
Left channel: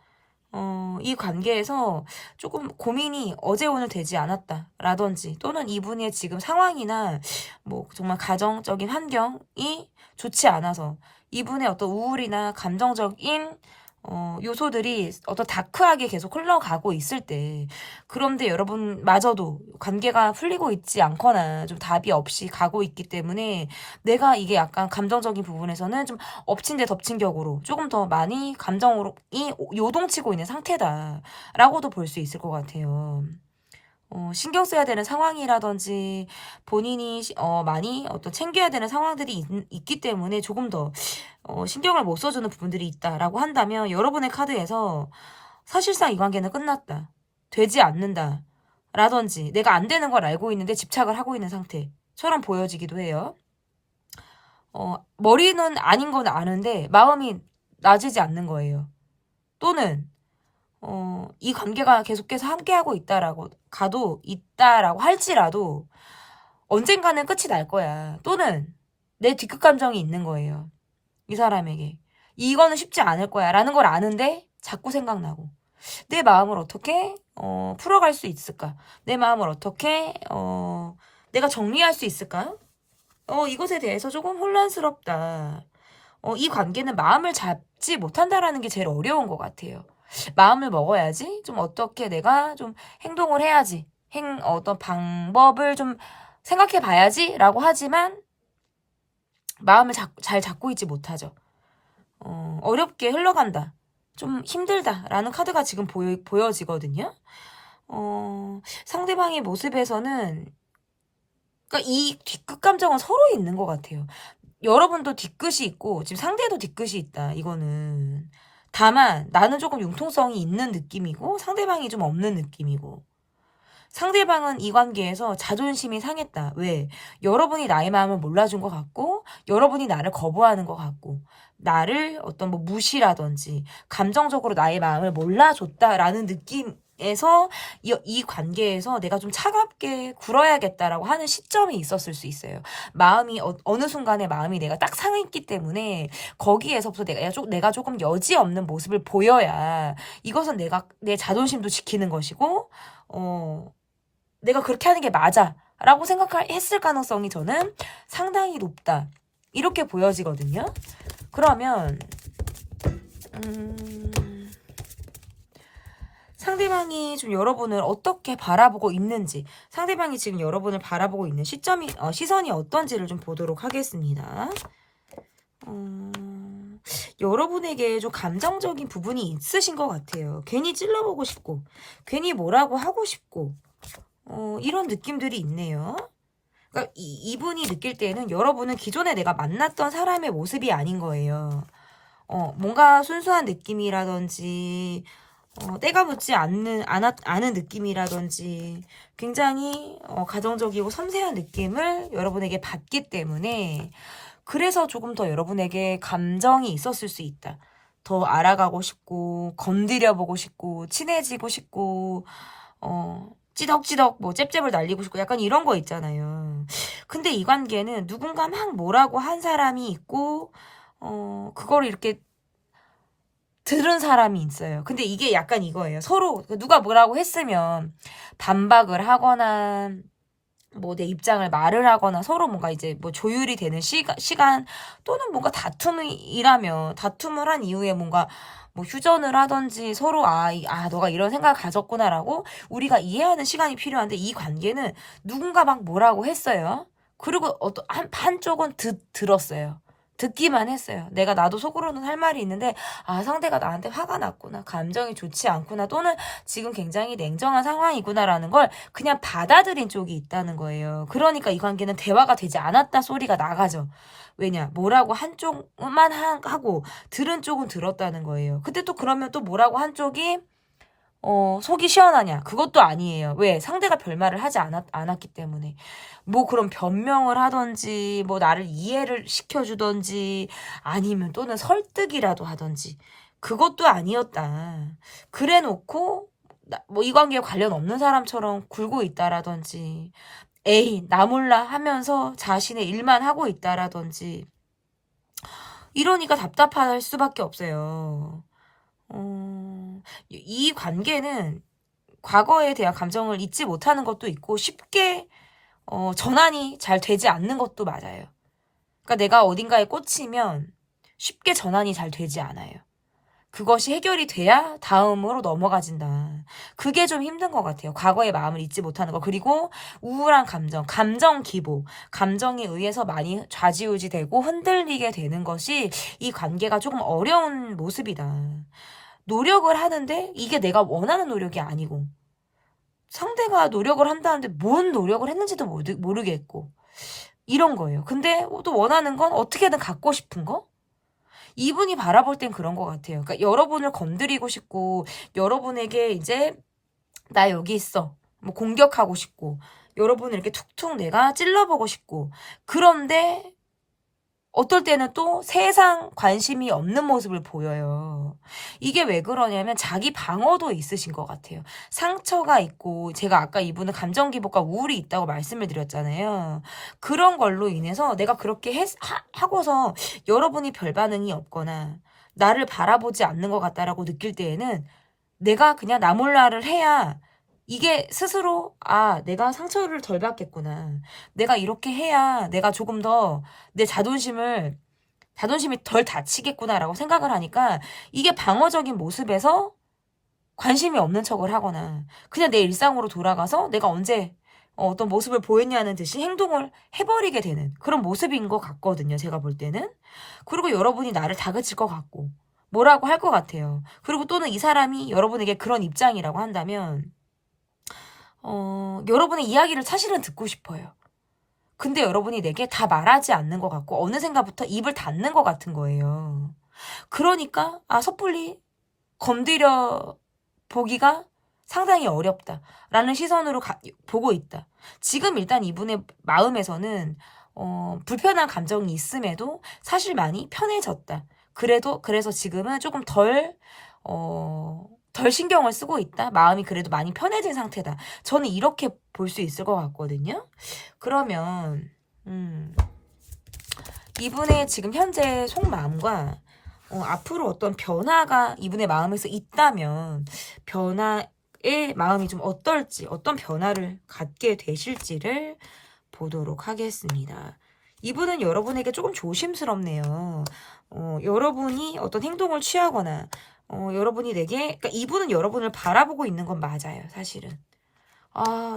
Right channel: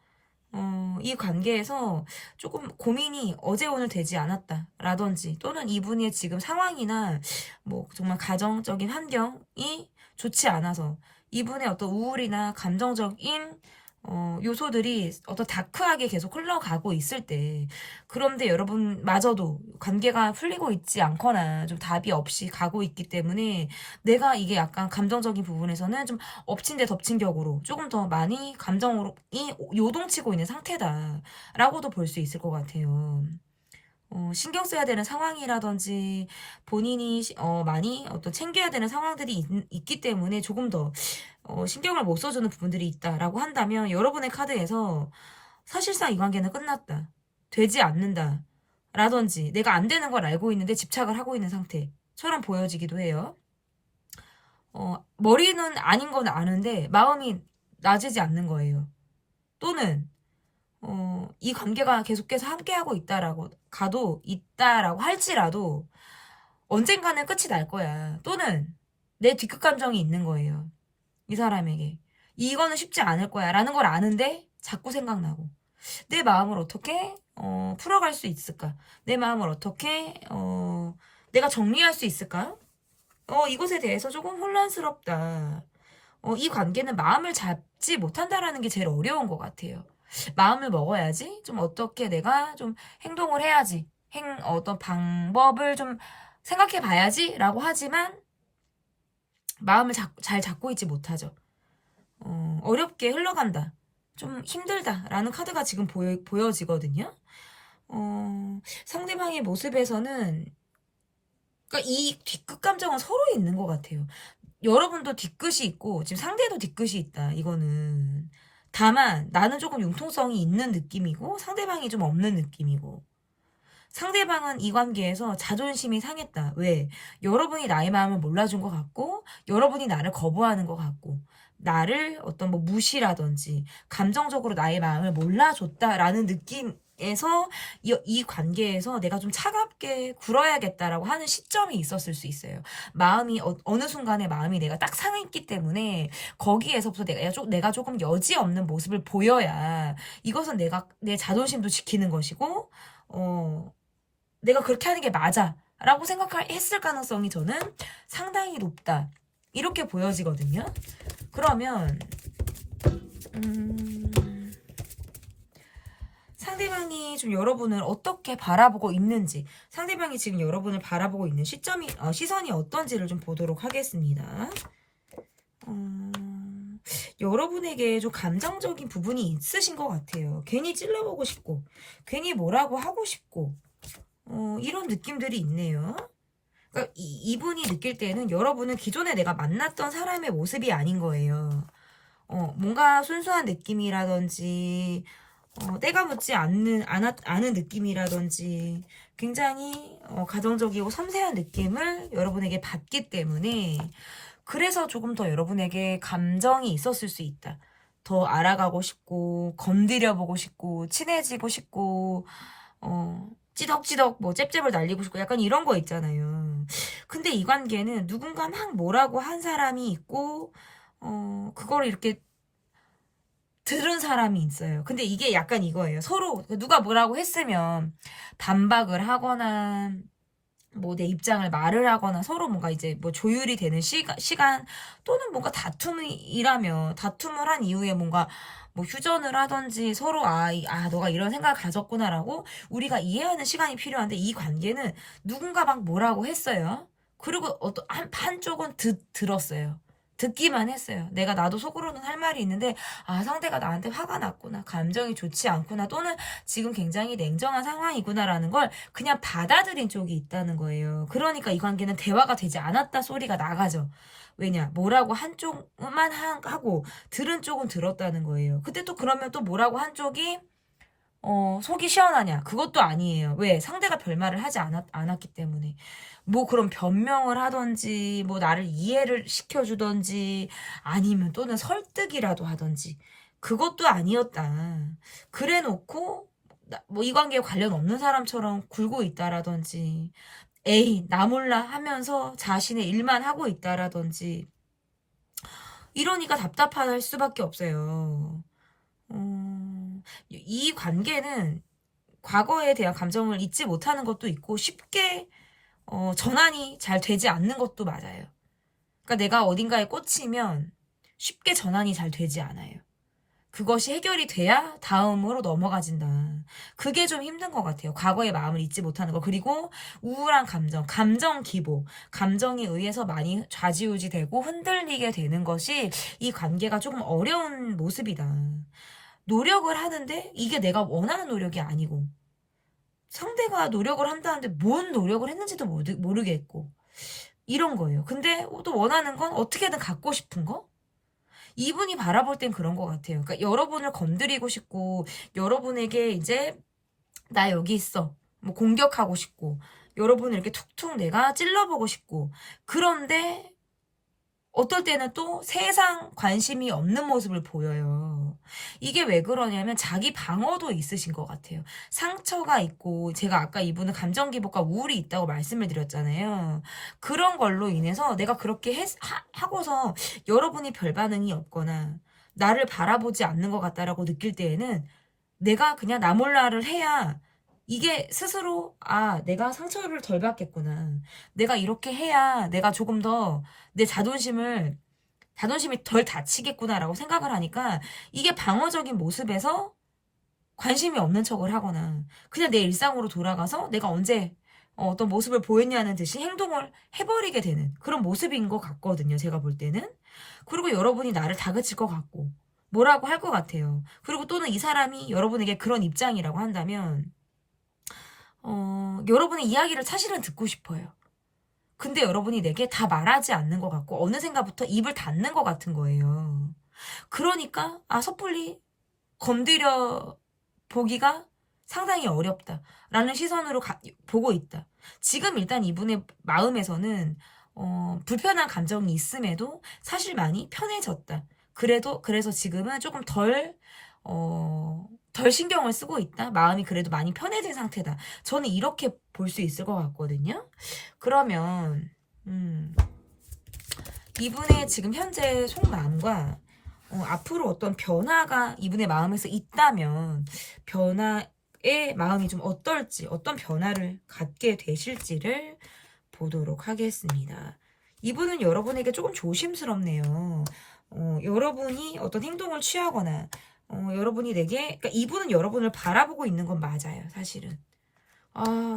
이 관계에서 조금 고민이 어제 오늘 되지 않았다라든지, 또는 이분의 지금 상황이나, 뭐, 정말 가정적인 환경이 좋지 않아서, 이분의 어떤 우울이나 감정적인 요소들이 어떤 다크하게 계속 흘러가고 있을 때 그런데 여러분마저도 관계가 풀리고 있지 않거나 좀 답이 없이 가고 있기 때문에 내가 이게 약간 감정적인 부분에서는 좀 엎친 데 덮친 격으로 조금 더 많이 감정으로 요동치고 있는 상태다라고도 볼 수 있을 것 같아요. 신경 써야 되는 상황이라든지 본인이 많이 어떤 챙겨야 되는 상황들이 있기 때문에 조금 더 신경을 못 써주는 부분들이 있다라고 한다면 여러분의 카드에서 사실상 이 관계는 끝났다. 되지 않는다. 라든지 내가 안 되는 걸 알고 있는데 집착을 하고 있는 상태처럼 보여지기도 해요. 머리는 아닌 건 아는데 마음이 나아지지 않는 거예요. 또는 이 관계가 계속해서 함께하고 있다라고 할지라도 언젠가는 끝이 날 거야. 또는 내 뒷끝 감정이 있는 거예요. 이 사람에게. 이거는 쉽지 않을 거야 라는 걸 아는데 자꾸 생각나고 내 마음을 어떻게 풀어갈 수 있을까? 내 마음을 어떻게 내가 정리할 수 있을까? 이것에 대해서 조금 혼란스럽다. 이 관계는 마음을 잡지 못한다라는 게 제일 어려운 것 같아요. 마음을 먹어야지 좀 어떻게 내가 좀 행동을 해야지 어떤 방법을 좀 생각해 봐야지 라고 하지만 마음을 잘 잡고 있지 못하죠. 어렵게 흘러간다. 좀 힘들다라는 카드가 지금 보여지거든요. 상대방의 모습에서는 그러니까 이 뒷끝 감정은 서로 있는 것 같아요. 여러분도 뒷끝이 있고 지금 상대도 뒷끝이 있다. 이거는 다만 나는 조금 융통성이 있는 느낌이고 상대방이 좀 없는 느낌이고 상대방은 이 관계에서 자존심이 상했다. 왜? 여러분이 나의 마음을 몰라준 것 같고 여러분이 나를 거부하는 것 같고 나를 어떤 뭐 무시라든지 감정적으로 나의 마음을 몰라줬다라는 느낌에서 이 관계에서 내가 좀 차갑게 굴어야겠다라고 하는 시점이 있었을 수 있어요. 마음이 어느 순간에 마음이 내가 딱 상했기 때문에 거기에서부터 내가 조금 여지 없는 모습을 보여야 이것은 내 자존심도 지키는 것이고 내가 그렇게 하는 게 맞아 라고 생각했을 가능성이 저는 상당히 높다 이렇게 보여지거든요. 그러면 상대방이 좀 여러분을 어떻게 바라보고 있는지 상대방이 지금 여러분을 바라보고 있는 시선이 어떤지를 좀 보도록 하겠습니다. 여러분에게 좀 감정적인 부분이 있으신 것 같아요. 괜히 찔러보고 싶고 괜히 뭐라고 하고 싶고 이런 느낌들이 있네요. 그러니까 이분이 느낄 때는 여러분은 기존에 내가 만났던 사람의 모습이 아닌 거예요. 뭔가 순수한 느낌이라든지 때가 묻지 않은 느낌이라든지 굉장히 가정적이고 섬세한 느낌을 여러분에게 받기 때문에 그래서 조금 더 여러분에게 감정이 있었을 수 있다. 더 알아가고 싶고 건드려보고 싶고 친해지고 싶고 찌덕찌덕 뭐 잽잽을 날리고 싶고 약간 이런 거 있잖아요. 근데 이 관계는 누군가 막 뭐라고 한 사람이 있고 그거를 이렇게 들은 사람이 있어요. 근데 이게 약간 이거예요. 서로 누가 뭐라고 했으면 반박을 하거나 뭐 내 입장을 말을 하거나 서로 뭔가 이제 뭐 조율이 되는 시간 또는 뭔가 다툼을 한 이후에 뭔가 뭐 휴전을 하든지 서로 너가 이런 생각을 가졌구나라고 우리가 이해하는 시간이 필요한데 이 관계는 누군가 막 뭐라고 했어요. 그리고 한쪽은 들었어요. 듣기만 했어요. 나도 속으로는 할 말이 있는데 상대가 나한테 화가 났구나. 감정이 좋지 않구나. 또는 지금 굉장히 냉정한 상황이구나라는 걸 그냥 받아들인 쪽이 있다는 거예요. 그러니까 이 관계는 대화가 되지 않았다 소리가 나가죠. 왜냐? 뭐라고 한쪽만 하고 들은 쪽은 들었다는 거예요. 근데 또 그러면 또 뭐라고 한쪽이 속이 시원하냐? 그것도 아니에요. 왜? 상대가 별말을 하지 않았기 때문에. 뭐 그럼 변명을 하던지 뭐 나를 이해를 시켜주던지 아니면 또는 설득이라도 하던지 그것도 아니었다. 그래 놓고 뭐 이 관계에 관련 없는 사람처럼 굴고 있다라든지 에이 나 몰라 하면서 자신의 일만 하고 있다라든지 이러니까 답답할 수밖에 없어요. 이 관계는 과거에 대한 감정을 잊지 못하는 것도 있고 쉽게 전환이 잘 되지 않는 것도 맞아요. 그러니까 내가 어딘가에 꽂히면 쉽게 전환이 잘 되지 않아요. 그것이 해결이 돼야 다음으로 넘어가진다. 그게 좀 힘든 것 같아요. 과거의 마음을 잊지 못하는 거. 그리고 우울한 감정 기복, 감정에 의해서 많이 좌지우지되고 흔들리게 되는 것이 이 관계가 조금 어려운 모습이다. 노력을 하는데 이게 내가 원하는 노력이 아니고 상대가 노력을 한다는데 뭔 노력을 했는지도 모르겠고 이런 거예요. 근데 또 원하는 건 어떻게든 갖고 싶은 거? 이분이 바라볼 땐 그런 것 같아요. 그러니까 여러분을 건드리고 싶고 여러분에게 이제 나 여기 있어 뭐 공격하고 싶고 여러분을 이렇게 툭툭 내가 찔러보고 싶고 그런데 어떨 때는 또 세상 관심이 없는 모습을 보여요. 이게 왜 그러냐면 자기 방어도 있으신 것 같아요. 상처가 있고 제가 아까 이분은 감정 기복과 우울이 있다고 말씀을 드렸잖아요. 그런 걸로 인해서 내가 그렇게 하고서 여러분이 별 반응이 없거나 나를 바라보지 않는 것 같다라고 느낄 때에는 내가 그냥 나 몰라를 해야 이게 스스로 내가 상처를 덜 받겠구나. 내가 이렇게 해야 내가 조금 더 내 자존심이 덜 다치겠구나라고 생각을 하니까 이게 방어적인 모습에서 관심이 없는 척을 하거나 그냥 내 일상으로 돌아가서 내가 언제 어떤 모습을 보였냐는 듯이 행동을 해버리게 되는 그런 모습인 것 같거든요. 제가 볼 때는. 그리고 여러분이 나를 다그칠 것 같고 뭐라고 할 것 같아요. 그리고 또는 이 사람이 여러분에게 그런 입장이라고 한다면 여러분의 이야기를 사실은 듣고 싶어요. 근데 여러분이 내게 다 말하지 않는 것 같고 어느샌가부터 입을 닫는 것 같은 거예요. 그러니까 섣불리 건드려 보기가 상당히 어렵다라는 시선으로 보고 있다. 지금 일단 이분의 마음에서는 불편한 감정이 있음에도 사실 많이 편해졌다. 그래서 지금은 조금 덜 신경을 쓰고 있다. 마음이 그래도 많이 편해진 상태다. 저는 이렇게 볼 수 있을 것 같거든요. 그러면 이분의 지금 현재 속마음과 앞으로 어떤 변화가 이분의 마음에서 있다면 변화의 마음이 좀 어떨지 어떤 변화를 갖게 되실지를 보도록 하겠습니다. 이분은 여러분에게 조금 조심스럽네요. 여러분이 어떤 행동을 취하거나 여러분이 그러니까 이분은 여러분을 바라보고 있는 건 맞아요, 사실은.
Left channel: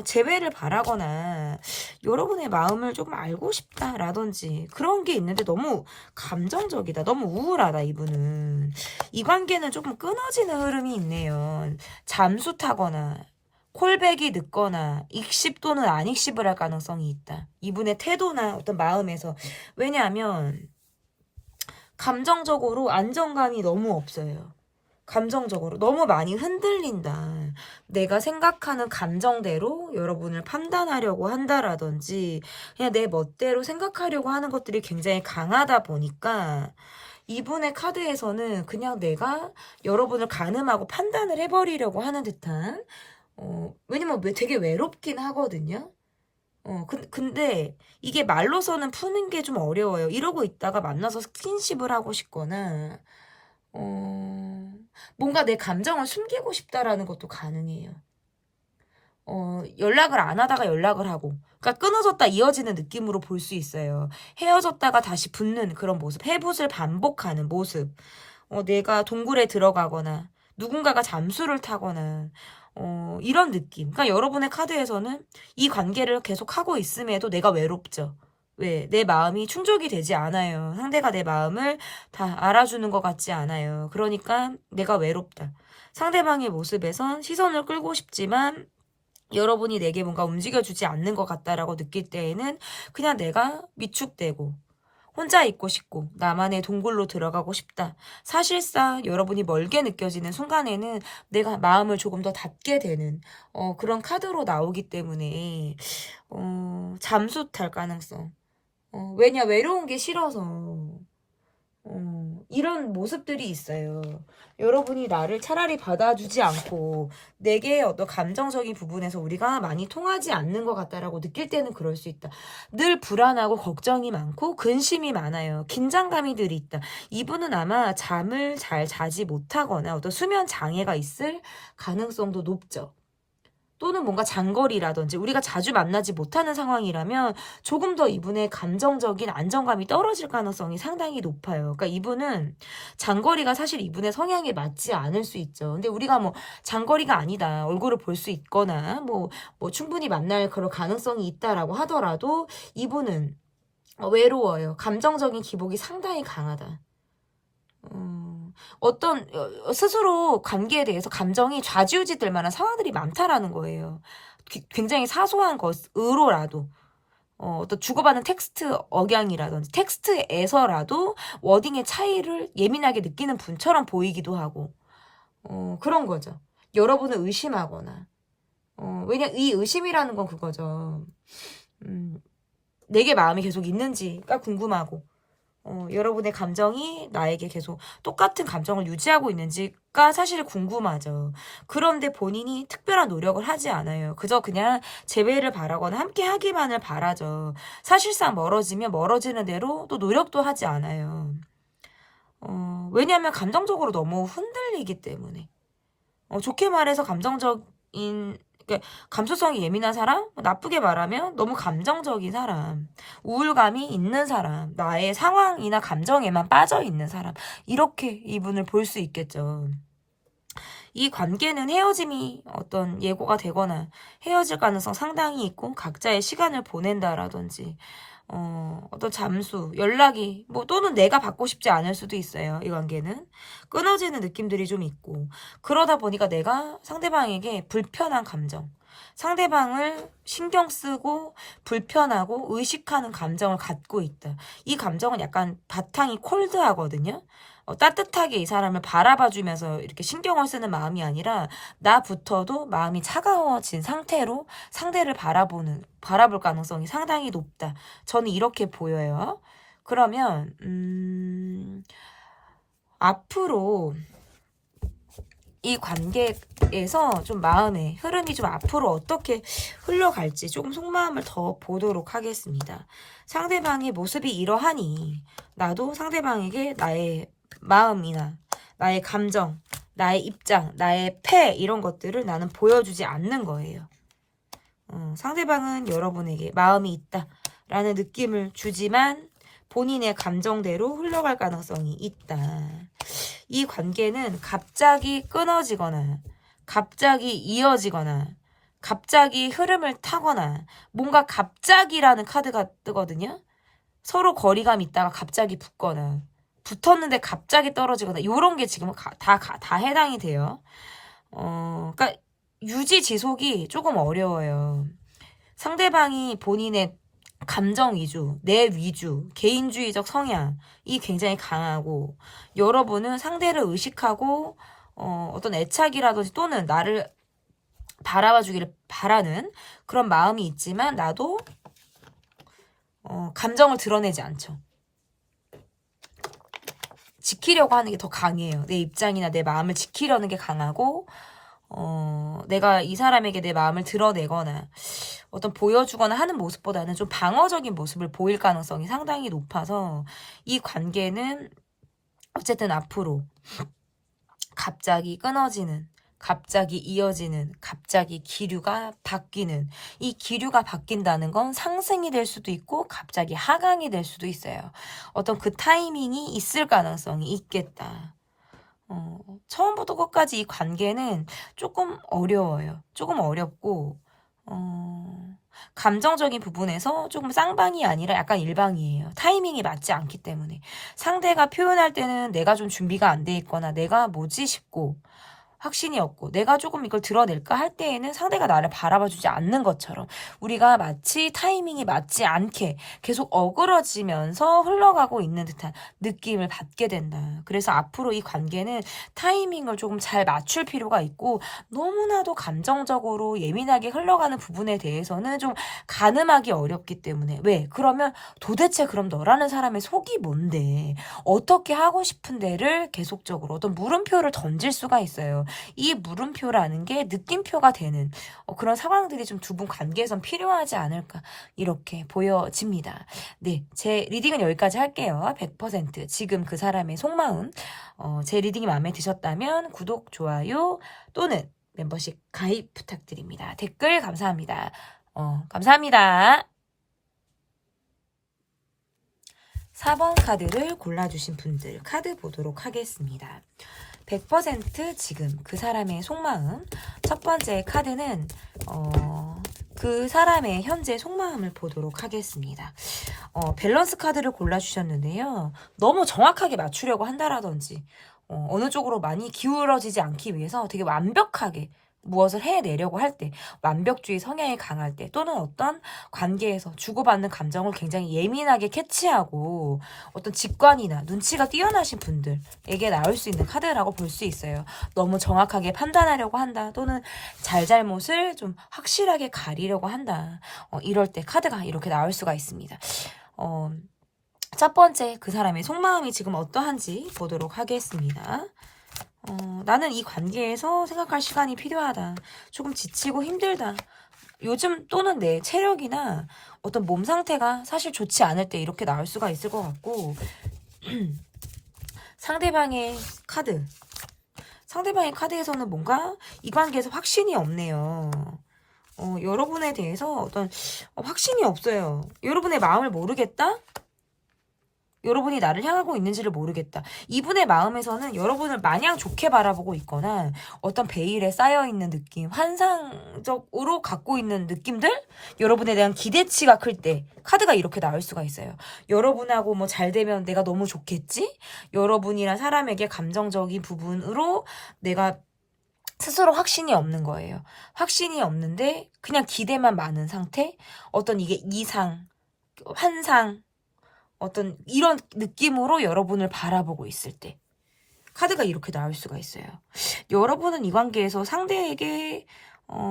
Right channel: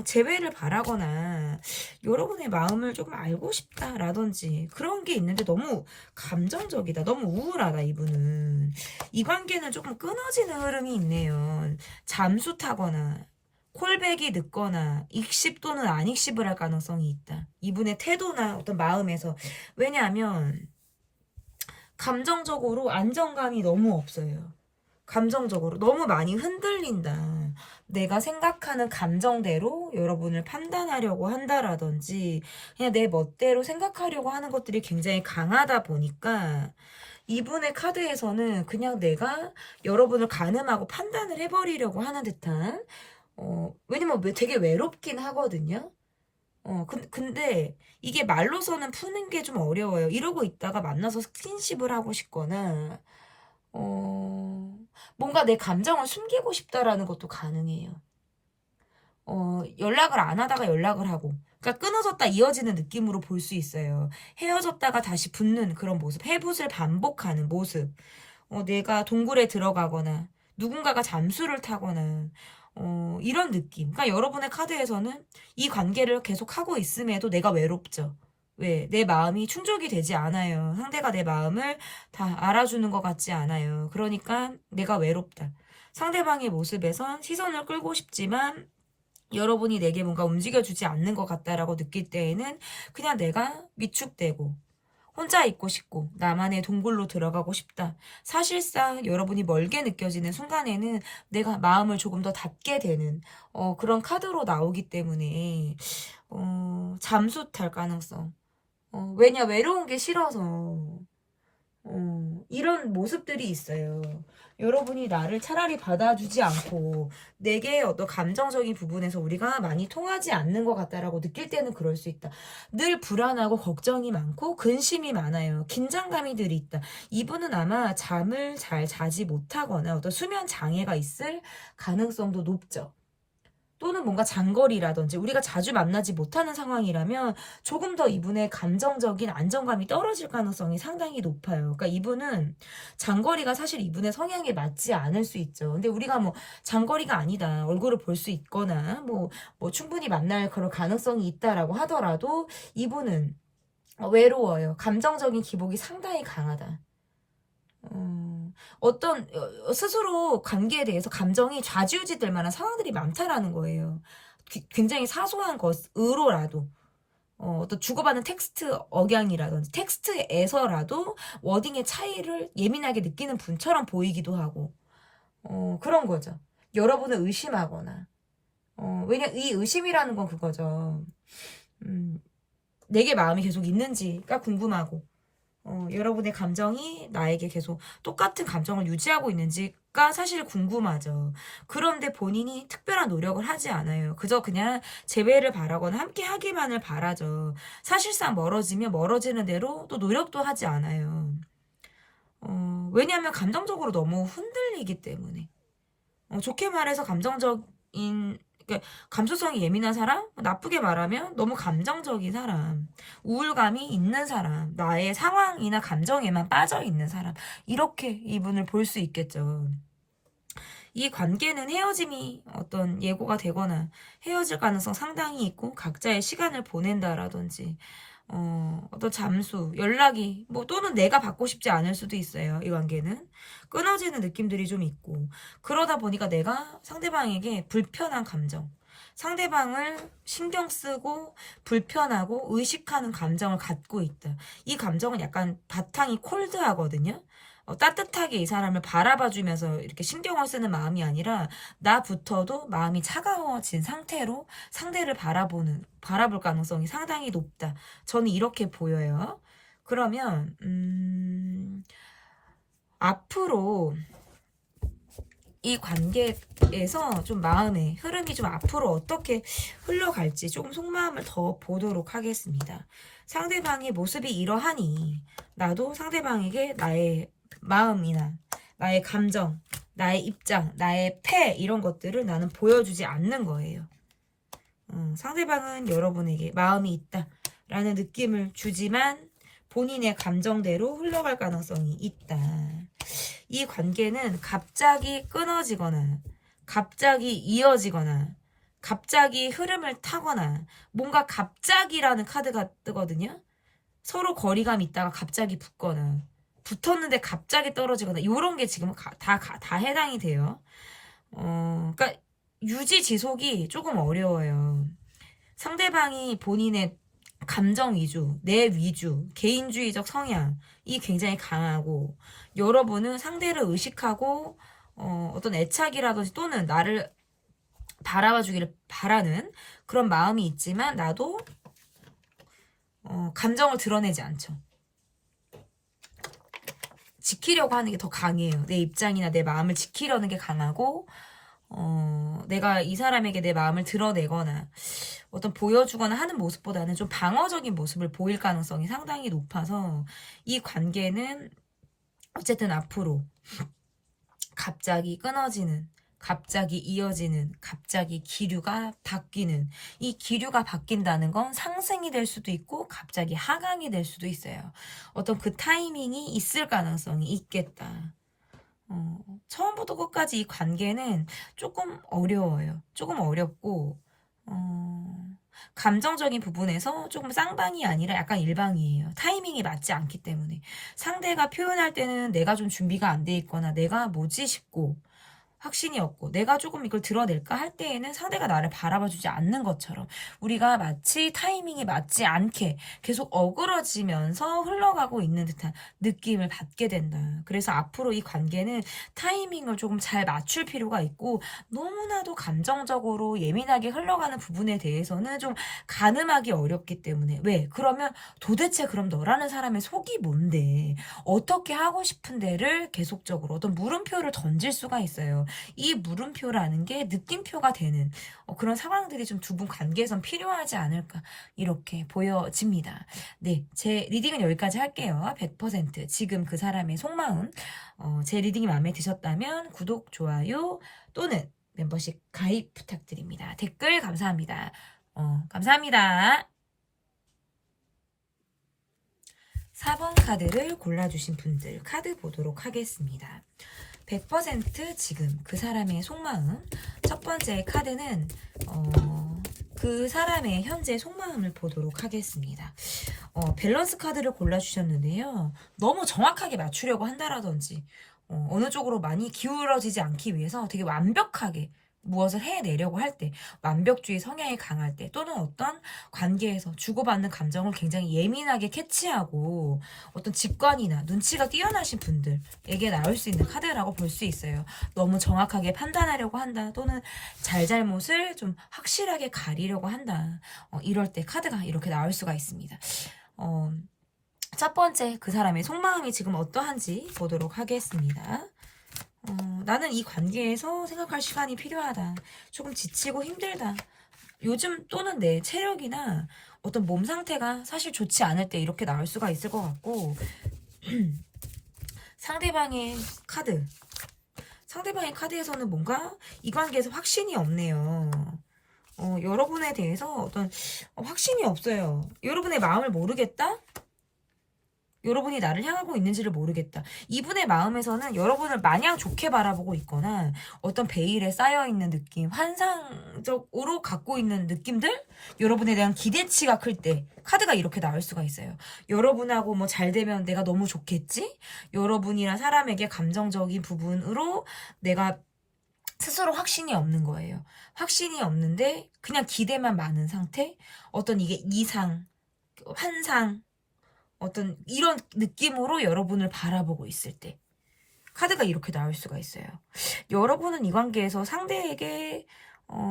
재회를 바라거나 여러분의 마음을 조금 알고 싶다라든지 그런 게 있는데 너무 감정적이다. 너무 우울하다, 이분은. 이 관계는 조금 끊어지는 흐름이 있네요. 잠수 타거나 콜백이 늦거나 익십 또는 안익십을 할 가능성이 있다. 이분의 태도나 어떤 마음에서. 왜냐하면 감정적으로 안정감이 너무 없어요. 감정적으로 너무 많이 흔들린다. 내가 생각하는 감정대로 여러분을 판단하려고 한다라든지 그냥 내 멋대로 생각하려고 하는 것들이 굉장히 강하다 보니까 이분의 카드에서는 그냥 내가 여러분을 가늠하고 판단을 해버리려고 하는 듯한 왜냐면 되게 외롭긴 하거든요. 근데 이게 말로서는 푸는 게 좀 어려워요. 이러고 있다가 만나서 스킨십을 하고 싶거나 뭔가 내 감정을 숨기고 싶다라는 것도 가능해요. 연락을 안 하다가 연락을 하고. 그러니까 끊어졌다 이어지는 느낌으로 볼 수 있어요. 헤어졌다가 다시 붙는 그런 모습. 해붓을 반복하는 모습. 내가 동굴에 들어가거나 누군가가 잠수를 타거나 이런 느낌. 그러니까 여러분의 카드에서는 이 관계를 계속 하고 있음에도 내가 외롭죠. 왜? 내 마음이 충족이 되지 않아요. 상대가 내 마음을 다 알아주는 것 같지 않아요. 그러니까 내가 외롭다. 상대방의 모습에선 시선을 끌고 싶지만 여러분이 내게 뭔가 움직여주지 않는 것 같다라고 느낄 때에는 그냥 내가 위축되고 혼자 있고 싶고 나만의 동굴로 들어가고 싶다. 사실상 여러분이 멀게 느껴지는 순간에는 내가 마음을 조금 더 닫게 되는 그런 카드로 나오기 때문에 잠수 탈 가능성. 왜냐, 외로운 게 싫어서. 이런 모습들이 있어요. 여러분이 나를 차라리 받아주지 않고 내게 어떤 감정적인 부분에서 우리가 많이 통하지 않는 것 같다라고 느낄 때는 그럴 수 있다. 늘 불안하고 걱정이 많고 근심이 많아요. 긴장감이 늘 있다. 이분은 아마 잠을 잘 자지 못하거나 어떤 수면 장애가 있을 가능성도 높죠. 또는 뭔가 장거리라든지 우리가 자주 만나지 못하는 상황이라면 조금 더 이분의 감정적인 안정감이 떨어질 가능성이 상당히 높아요. 그러니까 이분은 장거리가 사실 이분의 성향에 맞지 않을 수 있죠. 근데 우리가 뭐 장거리가 아니다. 얼굴을 볼 수 있거나 뭐 충분히 만날 그런 가능성이 있다라고 하더라도 이분은 외로워요. 감정적인 기복이 상당히 강하다. 어떤 스스로 관계에 대해서 감정이 좌지우지 될 만한 상황들이 많다라는 거예요. 굉장히 사소한 것으로라도 어떤 주고받는 텍스트 억양이라든지 텍스트에서라도 워딩의 차이를 예민하게 느끼는 분처럼 보이기도 하고 그런 거죠. 여러분을 의심하거나 왜냐 이 의심이라는 건 그거죠. 내게 마음이 계속 있는지가 궁금하고 여러분의 감정이 나에게 계속 똑같은 감정을 유지하고 있는지가 사실 궁금하죠. 그런데 본인이 특별한 노력을 하지 않아요. 그저 그냥 재회를 바라거나 함께 하기만을 바라죠. 사실상 멀어지면 멀어지는 대로 또 노력도 하지 않아요. 왜냐하면 감정적으로 너무 흔들리기 때문에. 좋게 말해서 그러니까 감수성이 예민한 사람, 나쁘게 말하면 너무 감정적인 사람, 우울감이 있는 사람, 나의 상황이나 감정에만 빠져 있는 사람, 이렇게 이분을 볼 수 있겠죠. 이 관계는 헤어짐이 어떤 예고가 되거나 헤어질 가능성 상당히 있고 각자의 시간을 보낸다라든지 어떤 잠수, 연락이 또는 내가 받고 싶지 않을 수도 있어요. 이 관계는 끊어지는 느낌들이 좀 있고, 그러다 보니까 내가 상대방에게 불편한 감정, 상대방을 신경 쓰고 불편하고 의식하는 감정을 갖고 있다. 이 감정은 약간 바탕이 콜드하거든요. 따뜻하게 이 사람을 바라봐주면서 이렇게 신경을 쓰는 마음이 아니라 나부터도 마음이 차가워진 상태로 상대를 바라볼 가능성이 상당히 높다. 저는 이렇게 보여요. 그러면 앞으로 이 관계에서 좀 마음의 흐름이 좀 앞으로 어떻게 흘러갈지 조금 속마음을 더 보도록 하겠습니다. 상대방의 모습이 이러하니 나도 상대방에게 나의 마음이나 나의 감정, 나의 입장, 나의 패 이런 것들을 나는 보여주지 않는 거예요. 상대방은 여러분에게 마음이 있다라는 느낌을 주지만 본인의 감정대로 흘러갈 가능성이 있다. 이 관계는 갑자기 끊어지거나 갑자기 이어지거나 갑자기 흐름을 타거나 뭔가 갑자기라는 카드가 뜨거든요. 서로 거리감이 있다가 갑자기 붙거나 붙었는데 갑자기 떨어지거나 이런 게 지금 다 해당이 돼요. 그러니까 유지 지속이 조금 어려워요. 상대방이 본인의 감정 위주, 내 위주, 개인주의적 성향이 굉장히 강하고 여러분은 상대를 의식하고 어떤 애착이라든지 또는 나를 바라봐 주기를 바라는 그런 마음이 있지만 나도 감정을 드러내지 않죠. 지키려고 하는 게 더 강해요. 내 입장이나 내 마음을 지키려는 게 강하고 내가 이 사람에게 내 마음을 드러내거나 어떤 보여주거나 하는 모습보다는 좀 방어적인 모습을 보일 가능성이 상당히 높아서 이 관계는 어쨌든 앞으로 갑자기 끊어지는, 갑자기 이어지는, 갑자기 기류가 바뀌는, 이 기류가 바뀐다는 건 상승이 될 수도 있고 갑자기 하강이 될 수도 있어요. 어떤 그 타이밍이 있을 가능성이 있겠다. 처음부터 끝까지 이 관계는 조금 어려워요. 조금 어렵고 감정적인 부분에서 조금 쌍방이 아니라 약간 일방이에요. 타이밍이 맞지 않기 때문에 상대가 표현할 때는 내가 좀 준비가 안 돼 있거나 내가 뭐지 싶고 확신이 없고 내가 조금 이걸 드러낼까 할 때에는 상대가 나를 바라봐주지 않는 것처럼 우리가 마치 타이밍이 맞지 않게 계속 어그러지면서 흘러가고 있는 듯한 느낌을 받게 된다. 그래서 앞으로 이 관계는 타이밍을 조금 잘 맞출 필요가 있고 너무나도 감정적으로 예민하게 흘러가는 부분에 대해서는 좀 가늠하기 어렵기 때문에 왜? 그러면 도대체 그럼 너라는 사람의 속이 뭔데? 어떻게 하고 싶은 데를 계속적으로 어떤 물음표를 던질 수가 있어요. 이 물음표라는 게 느낌표가 되는 그런 상황들이 좀 두 분 관계에선 필요하지 않을까 이렇게 보여집니다. 네, 제 리딩은 여기까지 할게요. 100% 지금 그 사람의 속마음 제 리딩이 마음에 드셨다면 구독, 좋아요 또는 멤버십 가입 부탁드립니다. 댓글 감사합니다. 감사합니다. 4번 카드를 골라주신 분들 카드 보도록 하겠습니다. 100% 지금 그 사람의 속마음. 첫 번째 카드는 그 사람의 현재 속마음을 보도록 하겠습니다. 밸런스 카드를 골라주셨는데요. 너무 정확하게 맞추려고 한다라든지 어느 쪽으로 많이 기울어지지 않기 위해서 되게 완벽하게 무엇을 해내려고 할 때, 완벽주의 성향이 강할 때, 또는 어떤 관계에서 주고받는 감정을 굉장히 예민하게 캐치하고 어떤 직관이나 눈치가 뛰어나신 분들에게 나올 수 있는 카드라고 볼 수 있어요. 너무 정확하게 판단하려고 한다, 또는 잘잘못을 좀 확실하게 가리려고 한다. 이럴 때 카드가 이렇게 나올 수가 있습니다. 첫 번째, 그 사람의 속마음이 지금 어떠한지 보도록 하겠습니다. 나는 이 관계에서 생각할 시간이 필요하다. 조금 지치고 힘들다. 요즘 또는 내 체력이나 어떤 몸 상태가 사실 좋지 않을 때 이렇게 나올 수가 있을 것 같고, 상대방의 카드. 상대방의 카드에서는 뭔가 이 관계에서 확신이 없네요. 여러분에 대해서 어떤 확신이 없어요. 여러분의 마음을 모르겠다? 여러분이 나를 향하고 있는지를 모르겠다. 이분의 마음에서는 여러분을 마냥 좋게 바라보고 있거나 어떤 베일에 쌓여있는 느낌, 환상적으로 갖고 있는 느낌들? 여러분에 대한 기대치가 클 때 카드가 이렇게 나올 수가 있어요. 여러분하고 뭐 잘 되면 내가 너무 좋겠지? 여러분이란 사람에게 감정적인 부분으로 내가 스스로 확신이 없는 거예요. 확신이 없는데 그냥 기대만 많은 상태? 어떤 이게 이상, 환상, 어떤 이런 느낌으로 여러분을 바라보고 있을 때 카드가 이렇게 나올 수가 있어요. 여러분은 이 관계에서 상대에게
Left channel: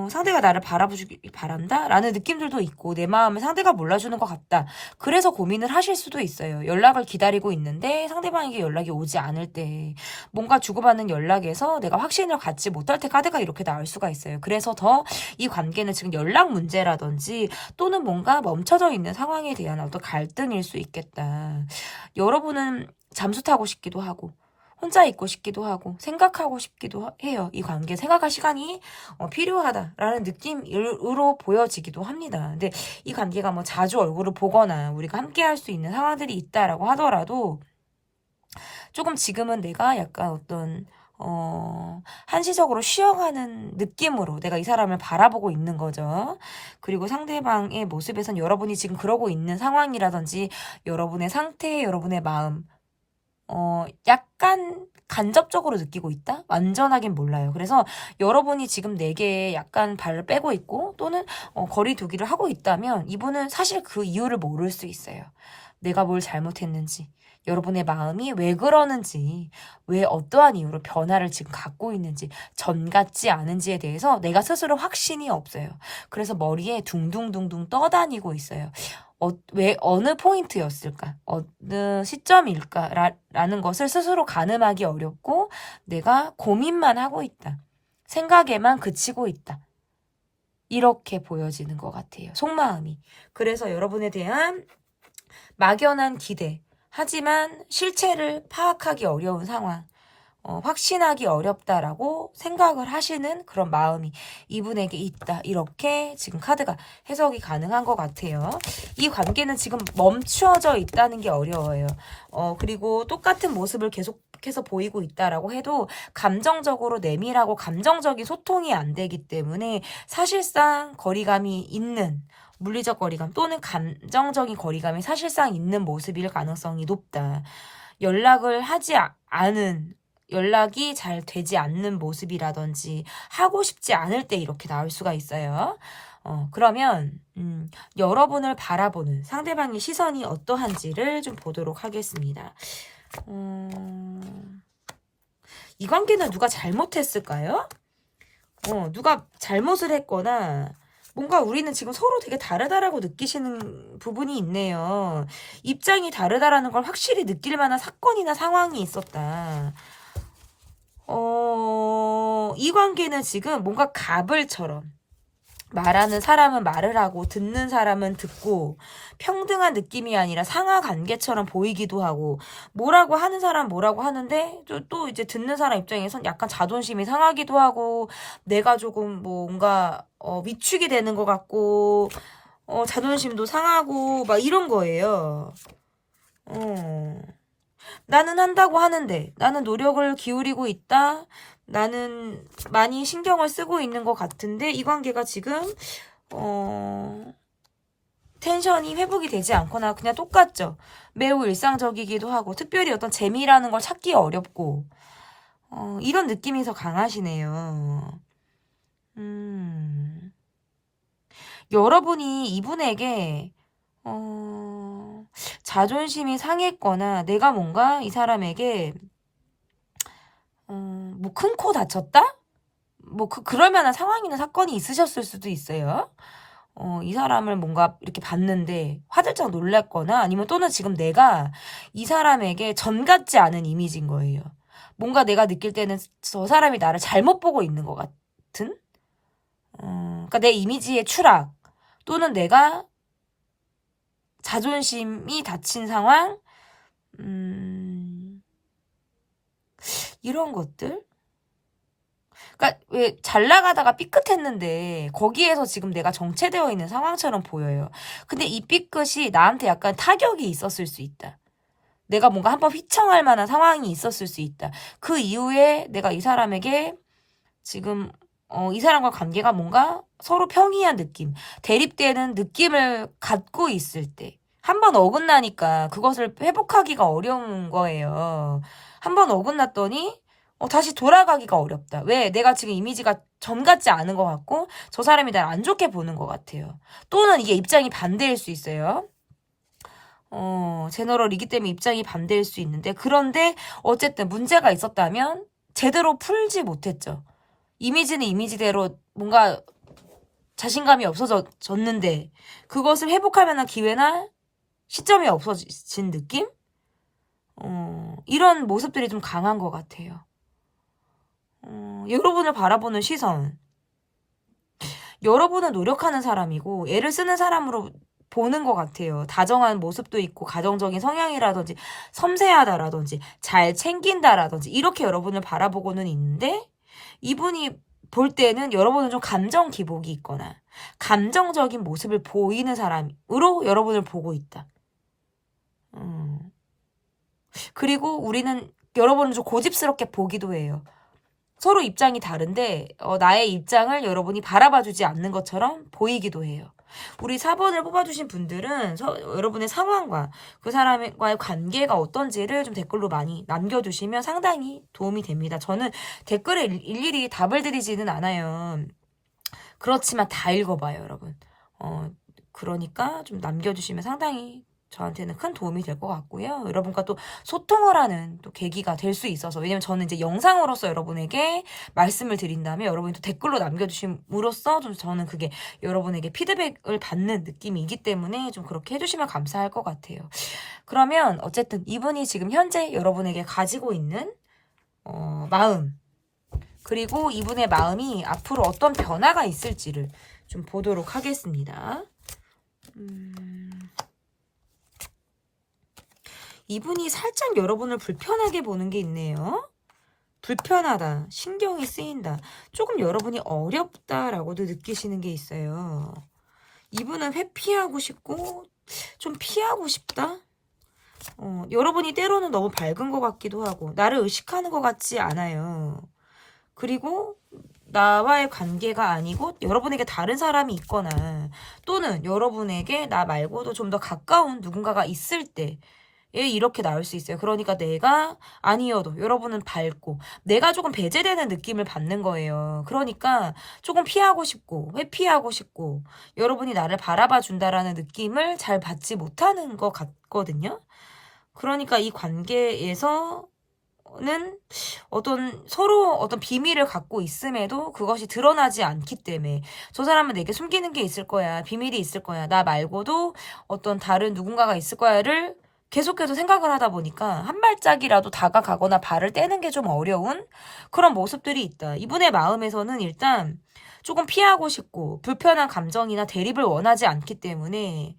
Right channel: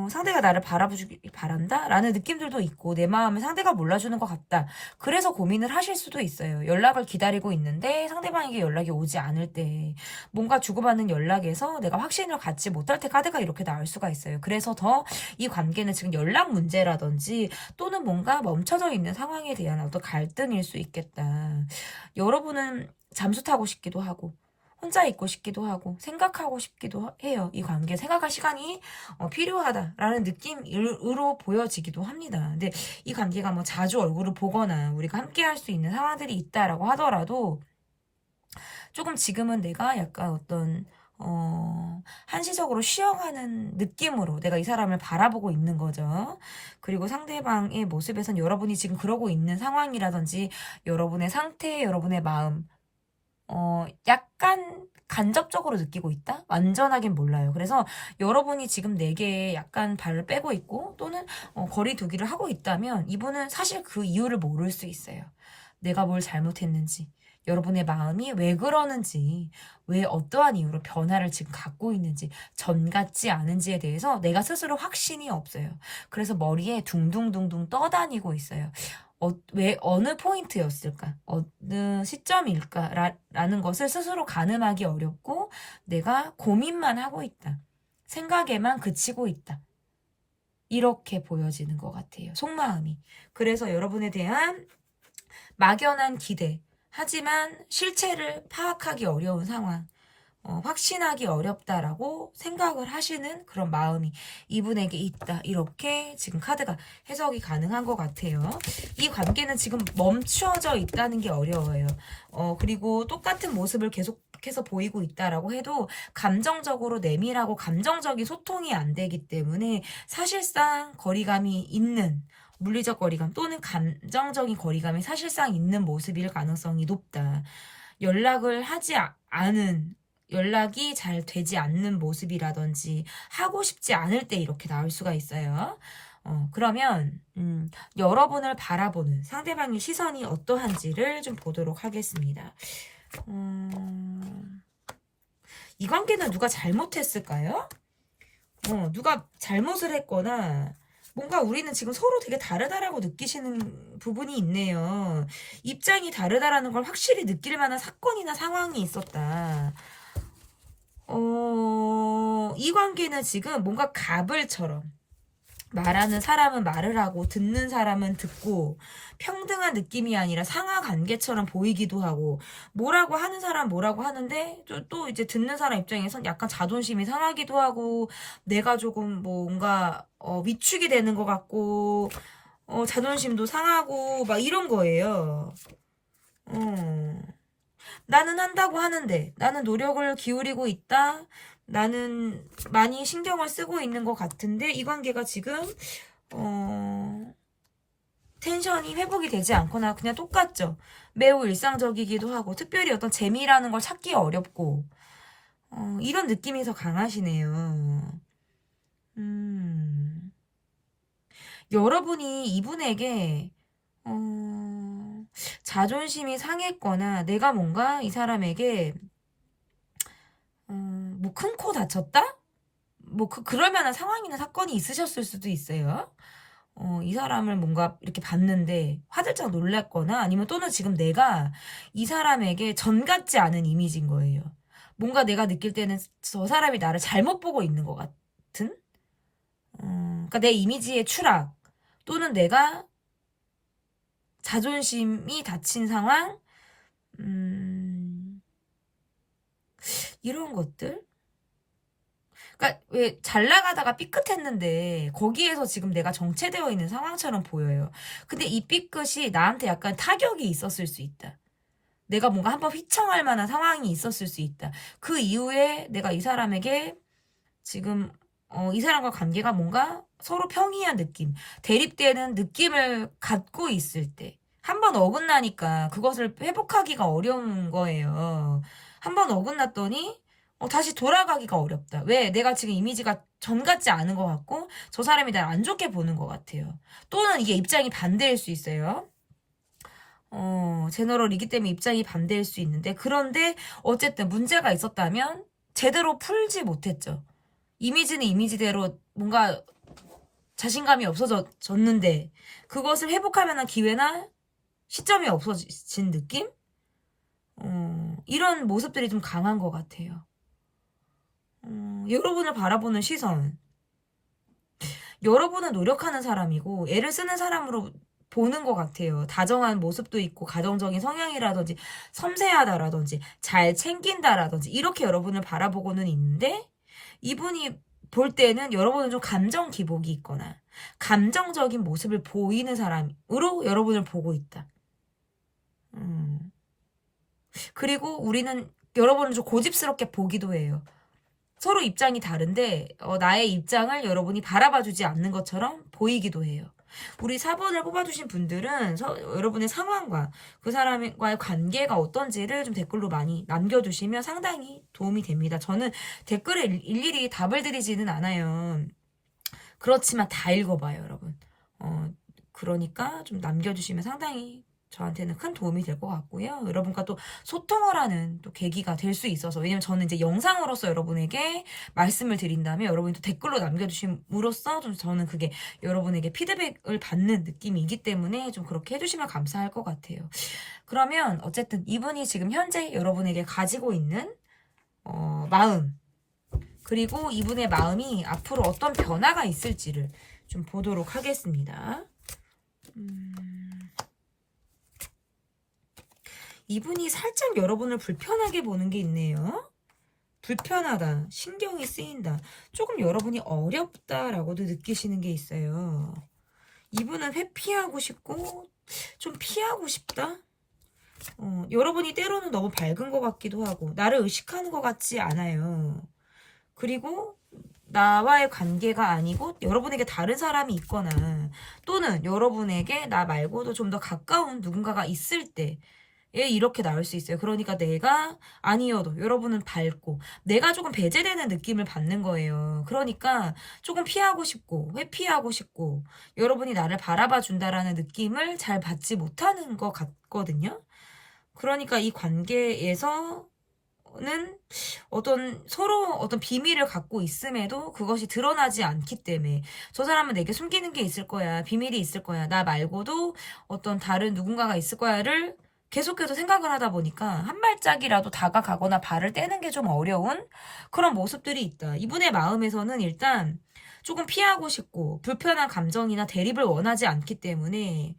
상대가 나를 바라보기 바란다? 라는 느낌들도 있고 내 마음을 상대가 몰라주는 것 같다. 그래서 고민을 하실 수도 있어요. 연락을 기다리고 있는데 상대방에게 연락이 오지 않을 때 뭔가 주고받는 연락에서 내가 확신을 갖지 못할 때 카드가 이렇게 나올 수가 있어요. 그래서 더 이 관계는 지금 연락 문제라든지 또는 뭔가 멈춰져 있는 상황에 대한 어떤 갈등일 수 있겠다. 여러분은 잠수 타고 싶기도 하고 혼자 있고 싶기도 하고 생각하고 싶기도 해요. 이 관계 생각할 시간이 필요하다라는 느낌으로 보여지기도 합니다. 근데 이 관계가 뭐 자주 얼굴을 보거나 우리가 함께 할 수 있는 상황들이 있다라고 하더라도 조금 지금은 내가 약간 어떤 한시적으로 쉬어가는 느낌으로 내가 이 사람을 바라보고 있는 거죠. 그리고 상대방의 모습에선 여러분이 지금 그러고 있는 상황이라든지 여러분의 상태, 여러분의 마음 약간 간접적으로 느끼고 있다? 완전하긴 몰라요. 그래서 여러분이 지금 내게 약간 발을 빼고 있고 또는 거리 두기를 하고 있다면 이분은 사실 그 이유를 모를 수 있어요. 내가 뭘 잘못했는지, 여러분의 마음이 왜 그러는지, 왜 어떠한 이유로 변화를 지금 갖고 있는지, 전 같지 않은지에 대해서 내가 스스로 확신이 없어요. 그래서 머리에 둥둥둥둥 떠다니고 있어요. 왜 어느 포인트였을까? 어느 시점일까? 라는 것을 스스로 가늠하기 어렵고 내가 고민만 하고 있다. 생각에만 그치고 있다. 이렇게 보여지는 것 같아요. 속마음이. 그래서 여러분에 대한 막연한 기대, 하지만 실체를 파악하기 어려운 상황, 확신하기 어렵다라고 생각을 하시는 그런 마음이 이분에게 있다. 이렇게 지금 카드가 해석이 가능한 것 같아요. 이 관계는 지금 멈추어져 있다는 게 어려워요. 그리고 똑같은 모습을 계속해서 보이고 있다라고 해도 감정적으로 내밀하고 감정적인 소통이 안 되기 때문에 사실상 거리감이 있는 물리적 거리감 또는 감정적인 거리감이 사실상 있는 모습일 가능성이 높다. 연락을 하지 않은 연락이 잘 되지 않는 모습이라든지 하고 싶지 않을 때 이렇게 나올 수가 있어요. 그러면 여러분을 바라보는 상대방의 시선이 어떠한지를 좀 보도록 하겠습니다. 이 관계는 누가 잘못했을까요? 누가 잘못을 했거나 뭔가 우리는 지금 서로 되게 다르다라고 느끼시는 부분이 있네요. 입장이 다르다라는 걸 확실히 느낄 만한 사건이나 상황이 있었다. 이 관계는 지금 뭔가 가불처럼 말하는 사람은 말을 하고 듣는 사람은 듣고 평등한 느낌이 아니라 상하 관계처럼 보이기도 하고 뭐라고 하는 사람 뭐라고 하는데 또 이제 듣는 사람 입장에선 약간 자존심이 상하기도 하고 내가 조금 뭔가 위축이 되는 것 같고 자존심도 상하고 막 이런 거예요. 나는 한다고 하는데 나는 노력을 기울이고 있다. 나는 많이 신경을 쓰고 있는 것 같은데 이 관계가 지금 텐션이 회복이 되지 않거나 그냥 똑같죠. 매우 일상적이기도 하고 특별히 어떤 재미라는 걸 찾기 어렵고 이런 느낌이 더 강하시네요. 여러분이 이분에게 자존심이 상했거나 내가 뭔가 이 사람에게 뭐 큰 코 다쳤다? 뭐 그럴 만한 상황이나 사건이 있으셨을 수도 있어요. 이 사람을 뭔가 이렇게 봤는데 화들짝 놀랐거나 아니면 또는 지금 내가 이 사람에게 전 같지 않은 이미지인 거예요. 뭔가 내가 느낄 때는 저 사람이 나를 잘못 보고 있는 것 같은? 그러니까 내 이미지의 추락 또는 내가 자존심이 다친 상황, 이런 것들? 그러니까 왜 잘 나가다가 삐끗했는데 거기에서 지금 내가 정체되어 있는 상황처럼 보여요. 근데 이 삐끗이 나한테 약간 타격이 있었을 수 있다. 내가 뭔가 한번 휘청할 만한 상황이 있었을 수 있다. 그 이후에 내가 이 사람에게 지금 이 사람과 관계가 뭔가 서로 평이한 느낌, 대립되는 느낌을 갖고 있을 때 한 번 어긋나니까 그것을 회복하기가 어려운 거예요. 한 번 어긋났더니 다시 돌아가기가 어렵다. 왜? 내가 지금 이미지가 전 같지 않은 것 같고 저 사람이 날 안 좋게 보는 것 같아요. 또는 이게 입장이 반대일 수 있어요. 제너럴이기 때문에 입장이 반대일 수 있는데 그런데 어쨌든 문제가 있었다면 제대로 풀지 못했죠. 이미지는 이미지대로 뭔가 자신감이 없어졌는데 그것을 회복할 만한 기회나 시점이 없어진 느낌? 이런 모습들이 좀 강한 것 같아요. 여러분을 바라보는 시선. 여러분은 노력하는 사람이고 애를 쓰는 사람으로 보는 것 같아요. 다정한 모습도 있고 가정적인 성향이라든지 섬세하다라든지 잘 챙긴다라든지 이렇게 여러분을 바라보고는 있는데 이분이 볼 때는 여러분은 좀 감정 기복이 있거나 감정적인 모습을 보이는 사람으로 여러분을 보고 있다. 그리고 우리는 여러분을 좀 고집스럽게 보기도 해요. 서로 입장이 다른데 나의 입장을 여러분이 바라봐주지 않는 것처럼 보이기도 해요. 우리 4번을 뽑아주신 분들은 여러분의 상황과 그 사람과의 관계가 어떤지를 좀 댓글로 많이 남겨주시면 상당히 도움이 됩니다. 저는 댓글에 일일이 답을 드리지는 않아요. 그렇지만 다 읽어봐요, 여러분. 그러니까 좀 남겨주시면 상당히 저한테는 큰 도움이 될 것 같고요. 여러분과 또 소통을 하는 또 계기가 될 수 있어서 왜냐면 저는 이제 영상으로서 여러분에게 말씀을 드린다면 여러분이 또 댓글로 남겨주심으로써 좀 저는 그게 여러분에게 피드백을 받는 느낌이기 때문에 좀 그렇게 해주시면 감사할 것 같아요. 그러면 어쨌든 이분이 지금 현재 여러분에게 가지고 있는 마음 그리고 이분의 마음이 앞으로 어떤 변화가 있을지를 좀 보도록 하겠습니다. 이분이 살짝 여러분을 불편하게 보는 게 있네요. 불편하다, 신경이 쓰인다, 조금 여러분이 어렵다라고도 느끼시는 게 있어요. 이분은 회피하고 싶고 좀 피하고 싶다. 여러분이 때로는 너무 밝은 것 같기도 하고 나를 의식하는 것 같지 않아요. 그리고 나와의 관계가 아니고 여러분에게 다른 사람이 있거나 또는 여러분에게 나 말고도 좀 더 가까운 누군가가 있을 때 이렇게 나올 수 있어요. 그러니까 내가 아니어도 여러분은 밝고 내가 조금 배제되는 느낌을 받는 거예요. 그러니까 조금 피하고 싶고 회피하고 싶고 여러분이 나를 바라봐 준다라는 느낌을 잘 받지 못하는 것 같거든요. 그러니까 이 관계에서 는 서로 어떤 비밀을 갖고 있음에도 그것이 드러나지 않기 때문에 저 사람은 내게 숨기는 게 있을 거야. 비밀이 있을 거야. 나 말고도 어떤 다른 누군가가 있을 거야를 계속해서 생각을 하다 보니까 한 발짝이라도 다가가거나 발을 떼는 게 좀 어려운 그런 모습들이 있다. 이분의 마음에서는 일단 조금 피하고 싶고 불편한 감정이나 대립을 원하지 않기 때문에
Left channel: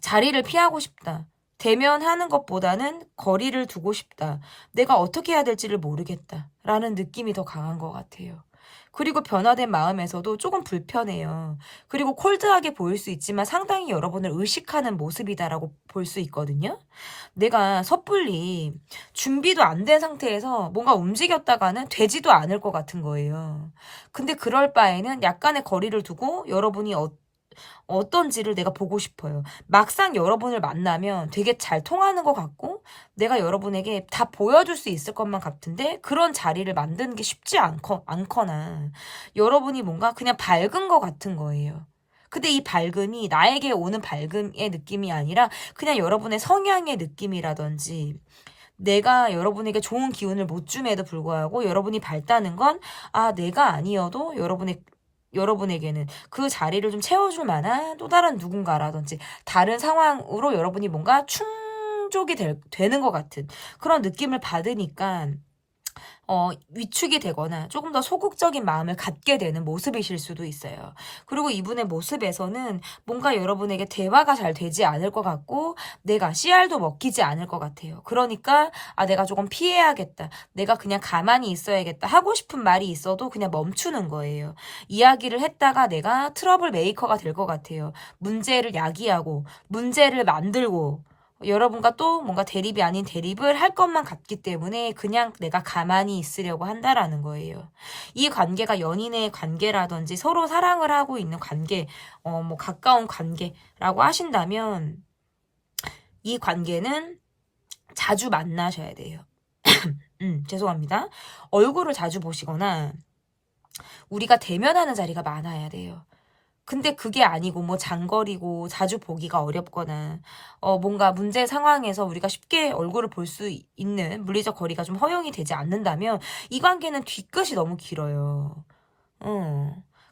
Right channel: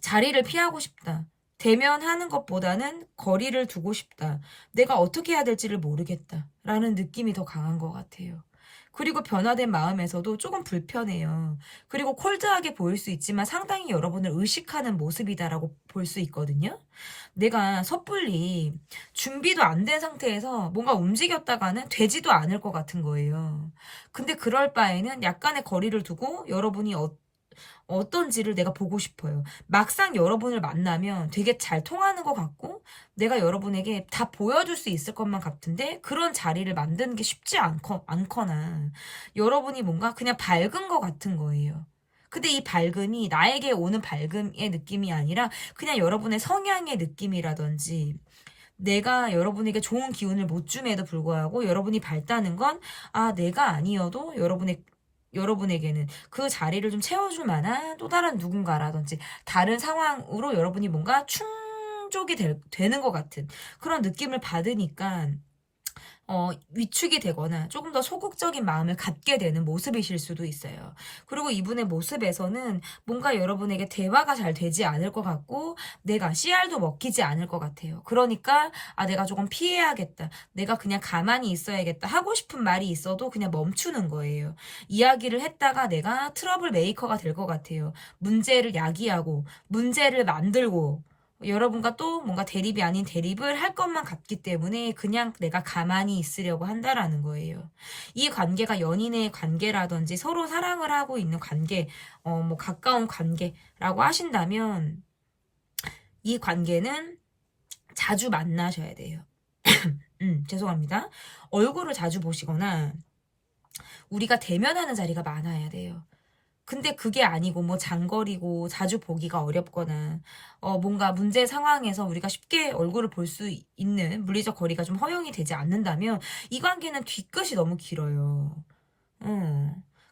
자리를 피하고 싶다. 대면하는 것보다는 거리를 두고 싶다. 내가 어떻게 해야 될지를 모르겠다. 라는 느낌이 더 강한 것 같아요. 그리고 변화된 마음에서도 조금 불편해요. 그리고 콜드하게 보일 수 있지만 상당히 여러분을 의식하는 모습이다라고 볼 수 있거든요. 내가 섣불리 준비도 안 된 상태에서 뭔가 움직였다가는 되지도 않을 것 같은 거예요. 근데 그럴 바에는 약간의 거리를 두고 여러분이 어떤지를 내가 보고 싶어요. 막상 여러분을 만나면 되게 잘 통하는 것 같고 내가 여러분에게 다 보여줄 수 있을 것만 같은데 그런 자리를 만드는 게 쉽지 않거나 여러분이 뭔가 그냥 밝은 것 같은 거예요. 근데 이 밝음이 나에게 오는 밝음의 느낌이 아니라 그냥 여러분의 성향의 느낌이라든지 내가 여러분에게 좋은 기운을 못 줌에도 불구하고 여러분이 밝다는 건 내가 아니어도 여러분에게는 그 자리를 좀 채워줄 만한 또 다른 누군가라든지 다른 상황으로 여러분이 뭔가 충족이 되는 것 같은 그런 느낌을 받으니까 위축이 되거나 조금 더 소극적인 마음을 갖게 되는 모습이실 수도 있어요. 그리고 이분의 모습에서는 뭔가 여러분에게 대화가 잘 되지 않을 것 같고 내가 씨알도 먹히지 않을 것 같아요. 그러니까 내가 조금 피해야겠다. 내가 그냥 가만히 있어야겠다. 하고 싶은 말이 있어도 그냥 멈추는 거예요. 이야기를 했다가 내가 트러블 메이커가 될 것 같아요. 문제를 야기하고 문제를 만들고 여러분과 또 뭔가 대립이 아닌 대립을 할 것만 같기 때문에 그냥 내가 가만히 있으려고 한다라는 거예요. 이 관계가 연인의 관계라든지 서로 사랑을 하고 있는 관계, 뭐 가까운 관계라고 하신다면 이 관계는 자주 만나셔야 돼요. 죄송합니다. 얼굴을 자주 보시거나 우리가 대면하는 자리가 많아야 돼요. 근데 그게 아니고 뭐 장거리고 자주 보기가 어렵거나 뭔가 문제 상황에서 우리가 쉽게 얼굴을 볼 수 있는 물리적 거리가 좀 허용이 되지 않는다면 이 관계는 뒤끝이 너무 길어요.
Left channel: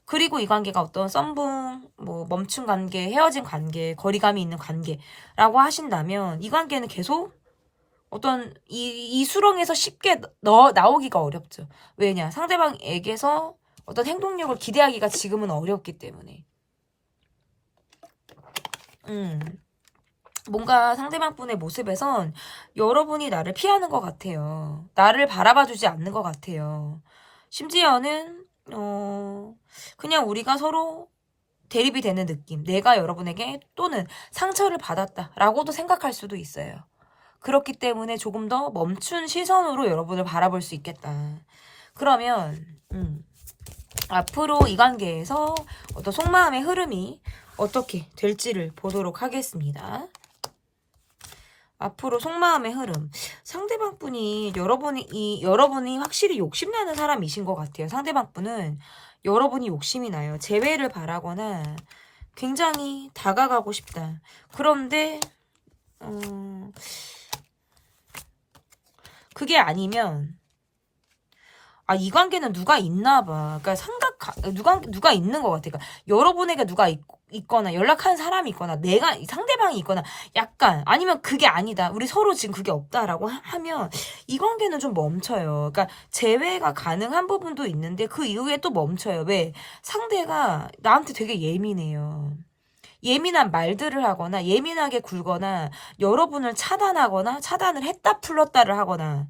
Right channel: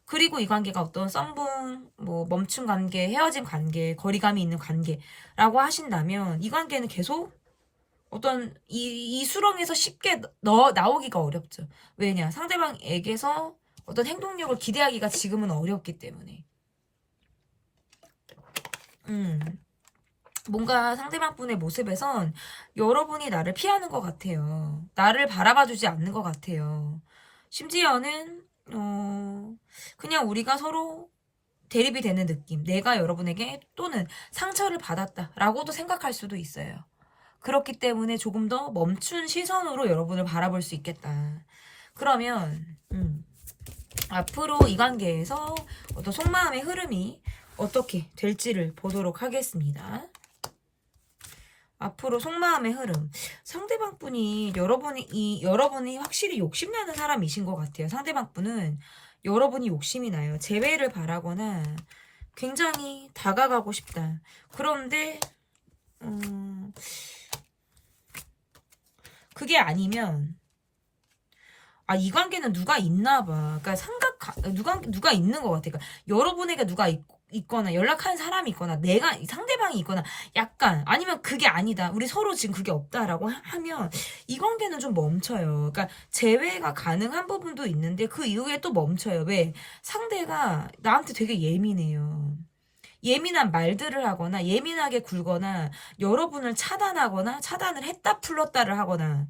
그리고 이 관계가 어떤 썸붕, 뭐 멈춘 관계, 헤어진 관계, 거리감이 있는 관계라고 하신다면 이 관계는 계속 어떤 이 수렁에서 쉽게 나오기가 어렵죠. 왜냐? 상대방에게서 어떤 행동력을 기대하기가 지금은 어렵기 때문에. 뭔가 상대방분의 모습에선 여러분이 나를 피하는 것 같아요. 나를 바라봐주지 않는 것 같아요. 심지어는 그냥 우리가 서로 대립이 되는 느낌. 내가 여러분에게 또는 상처를 받았다라고도 생각할 수도 있어요. 그렇기 때문에 조금 더 멈춘 시선으로 여러분을 바라볼 수 있겠다. 그러면 앞으로 이 관계에서 어떤 속마음의 흐름이 어떻게 될지를 보도록 하겠습니다. 앞으로 속마음의 흐름. 상대방 분이 여러분이 확실히 욕심나는 사람이신 것 같아요. 상대방 분은 여러분이 욕심이 나요. 재회를 바라거나 굉장히 다가가고 싶다. 그런데 그게 아니면 이 관계는 누가 있나 봐. 그러니까 누가 있는 것 같아. 그러니까 여러분에게 누가 있거나 연락하는 사람이 있거나 내가 상대방이 있거나 약간 아니면 그게 아니다. 우리 서로 지금 그게 없다라고 하면 이 관계는 좀 멈춰요. 그러니까 재회가 가능한 부분도 있는데 그 이후에 또 멈춰요. 왜? 상대가 나한테 되게 예민해요. 예민한 말들을 하거나 예민하게 굴거나 여러분을 차단을 했다 풀렀다를 하거나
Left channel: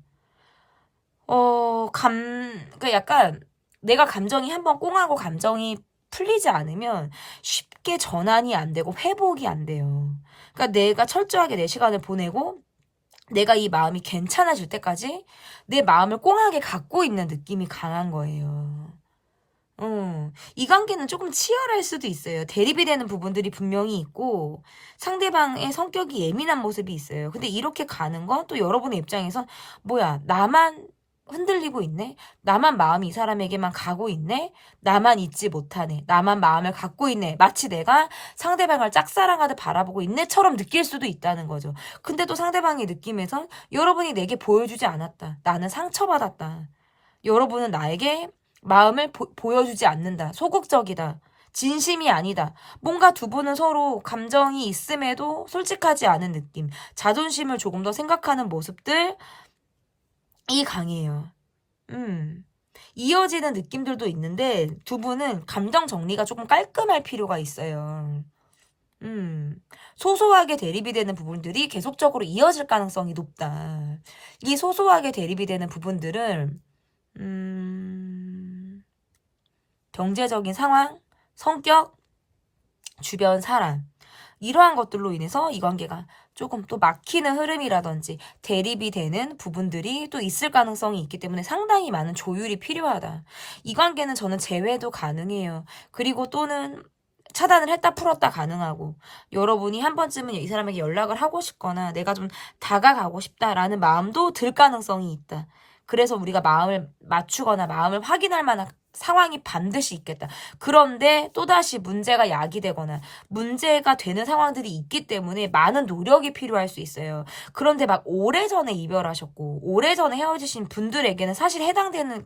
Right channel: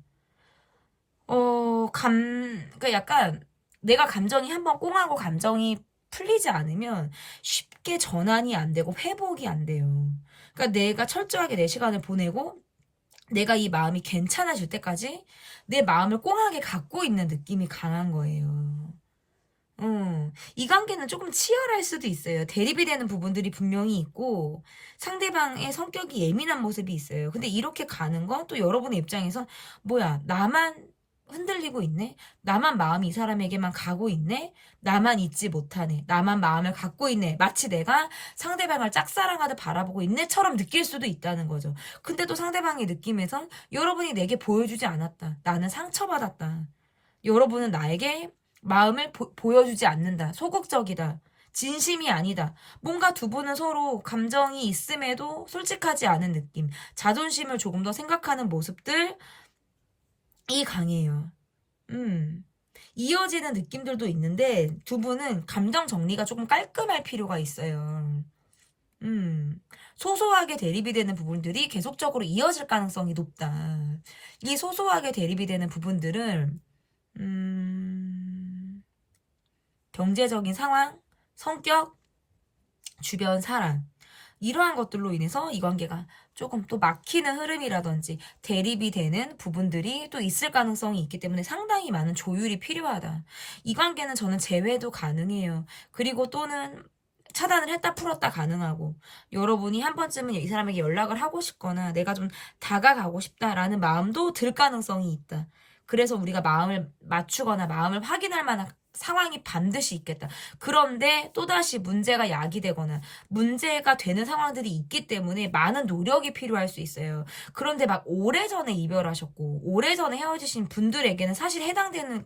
그러니까 약간 내가 감정이 한번 꽁하고 감정이 풀리지 않으면 쉽게 전환이 안 되고 회복이 안 돼요. 그러니까 내가 철저하게 내 시간을 보내고 내가 이 마음이 괜찮아질 때까지 내 마음을 꽁하게 갖고 있는 느낌이 강한 거예요. 이 관계는 조금 치열할 수도 있어요. 대립이 되는 부분들이 분명히 있고 상대방의 성격이 예민한 모습이 있어요. 근데 이렇게 가는 건 또 여러분의 입장에서 뭐야 나만 흔들리고 있네? 나만 마음이 이 사람에게만 가고 있네? 나만 잊지 못하네? 나만 마음을 갖고 있네? 마치 내가 상대방을 짝사랑하듯 바라보고 있네처럼 느낄 수도 있다는 거죠. 근데 또 상대방의 느낌에선 여러분이 내게 보여주지 않았다. 나는 상처받았다. 여러분은 나에게 마음을 보여주지 않는다. 소극적이다. 진심이 아니다. 뭔가 두 분은 서로 감정이 있음에도 솔직하지 않은 느낌. 자존심을 조금 더 생각하는 모습들 이 강해요. 이어지는 느낌들도 있는데 두 분은 감정 정리가 조금 깔끔할 필요가 있어요. 소소하게 대립이 되는 부분들이 계속적으로 이어질 가능성이 높다. 이 소소하게 대립이 되는 부분들을 경제적인 상황, 성격, 주변 사람 이러한 것들로 인해서 이 관계가 조금 또 막히는 흐름이라든지 대립이 되는 부분들이 또 있을 가능성이 있기 때문에 상당히 많은 조율이 필요하다. 이 관계는 저는 재회도 가능해요. 그리고 또는 차단을 했다 풀었다 가능하고 여러분이 한 번쯤은 이 사람에게 연락을 하고 싶거나 내가 좀 다가가고 싶다라는 마음도 들 가능성이 있다. 그래서 우리가 마음을 맞추거나 마음을 확인할 만한 상황이 반드시 있겠다. 그런데 또다시 문제가 야기되거나 문제가 되는 상황들이 있기 때문에 많은 노력이 필요할 수 있어요. 그런데 막 오래전에 이별하셨고 오래전에 헤어지신 분들에게는 사실 해당되는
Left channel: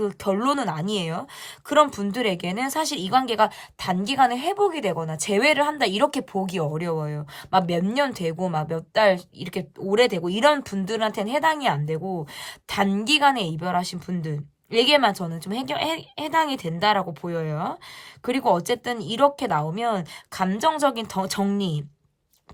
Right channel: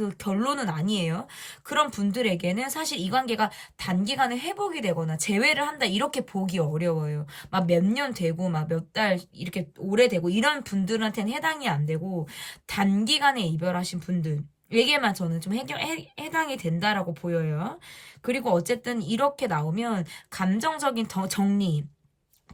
그 결론은 아니에요. 그런 분들에게는 사실 이 관계가 단기간에 회복이 되거나 재회를 한다 이렇게 보기 어려워요. 막 몇 년 되고 막 몇 달 이렇게 오래되고 이런 분들한테는 해당이 안 되고 단기간에 이별하신 분들에게만 저는 좀 해당이 된다라고 보여요. 그리고 어쨌든 이렇게 나오면 감정적인 정리,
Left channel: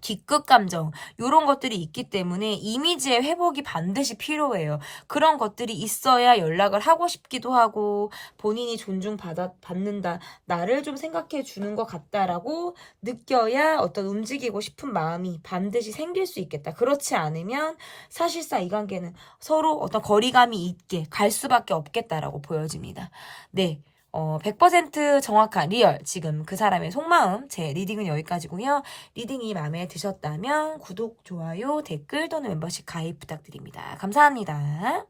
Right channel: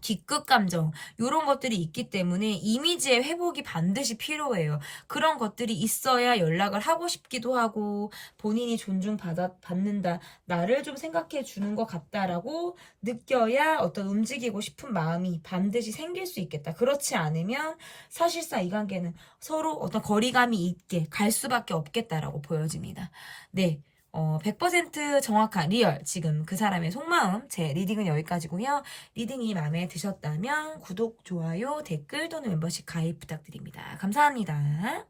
기끝 감정 이런 것들이 있기 때문에 이미지의 회복이 반드시 필요해요. 그런 것들이 있어야 연락을 하고 싶기도 하고 본인이 존중받는다, 나를 좀 생각해 주는 것 같다라고 느껴야 어떤 움직이고 싶은 마음이 반드시 생길 수 있겠다. 그렇지 않으면 사실상 이 관계는 서로 어떤 거리감이 있게 갈 수밖에 없겠다라고 보여집니다. 네. 100% 정확한 리얼 지금 그 사람의 속마음 제 리딩은 여기까지고요. 리딩이 마음에 드셨다면 구독, 좋아요, 댓글 또는 멤버십 가입 부탁드립니다. 감사합니다.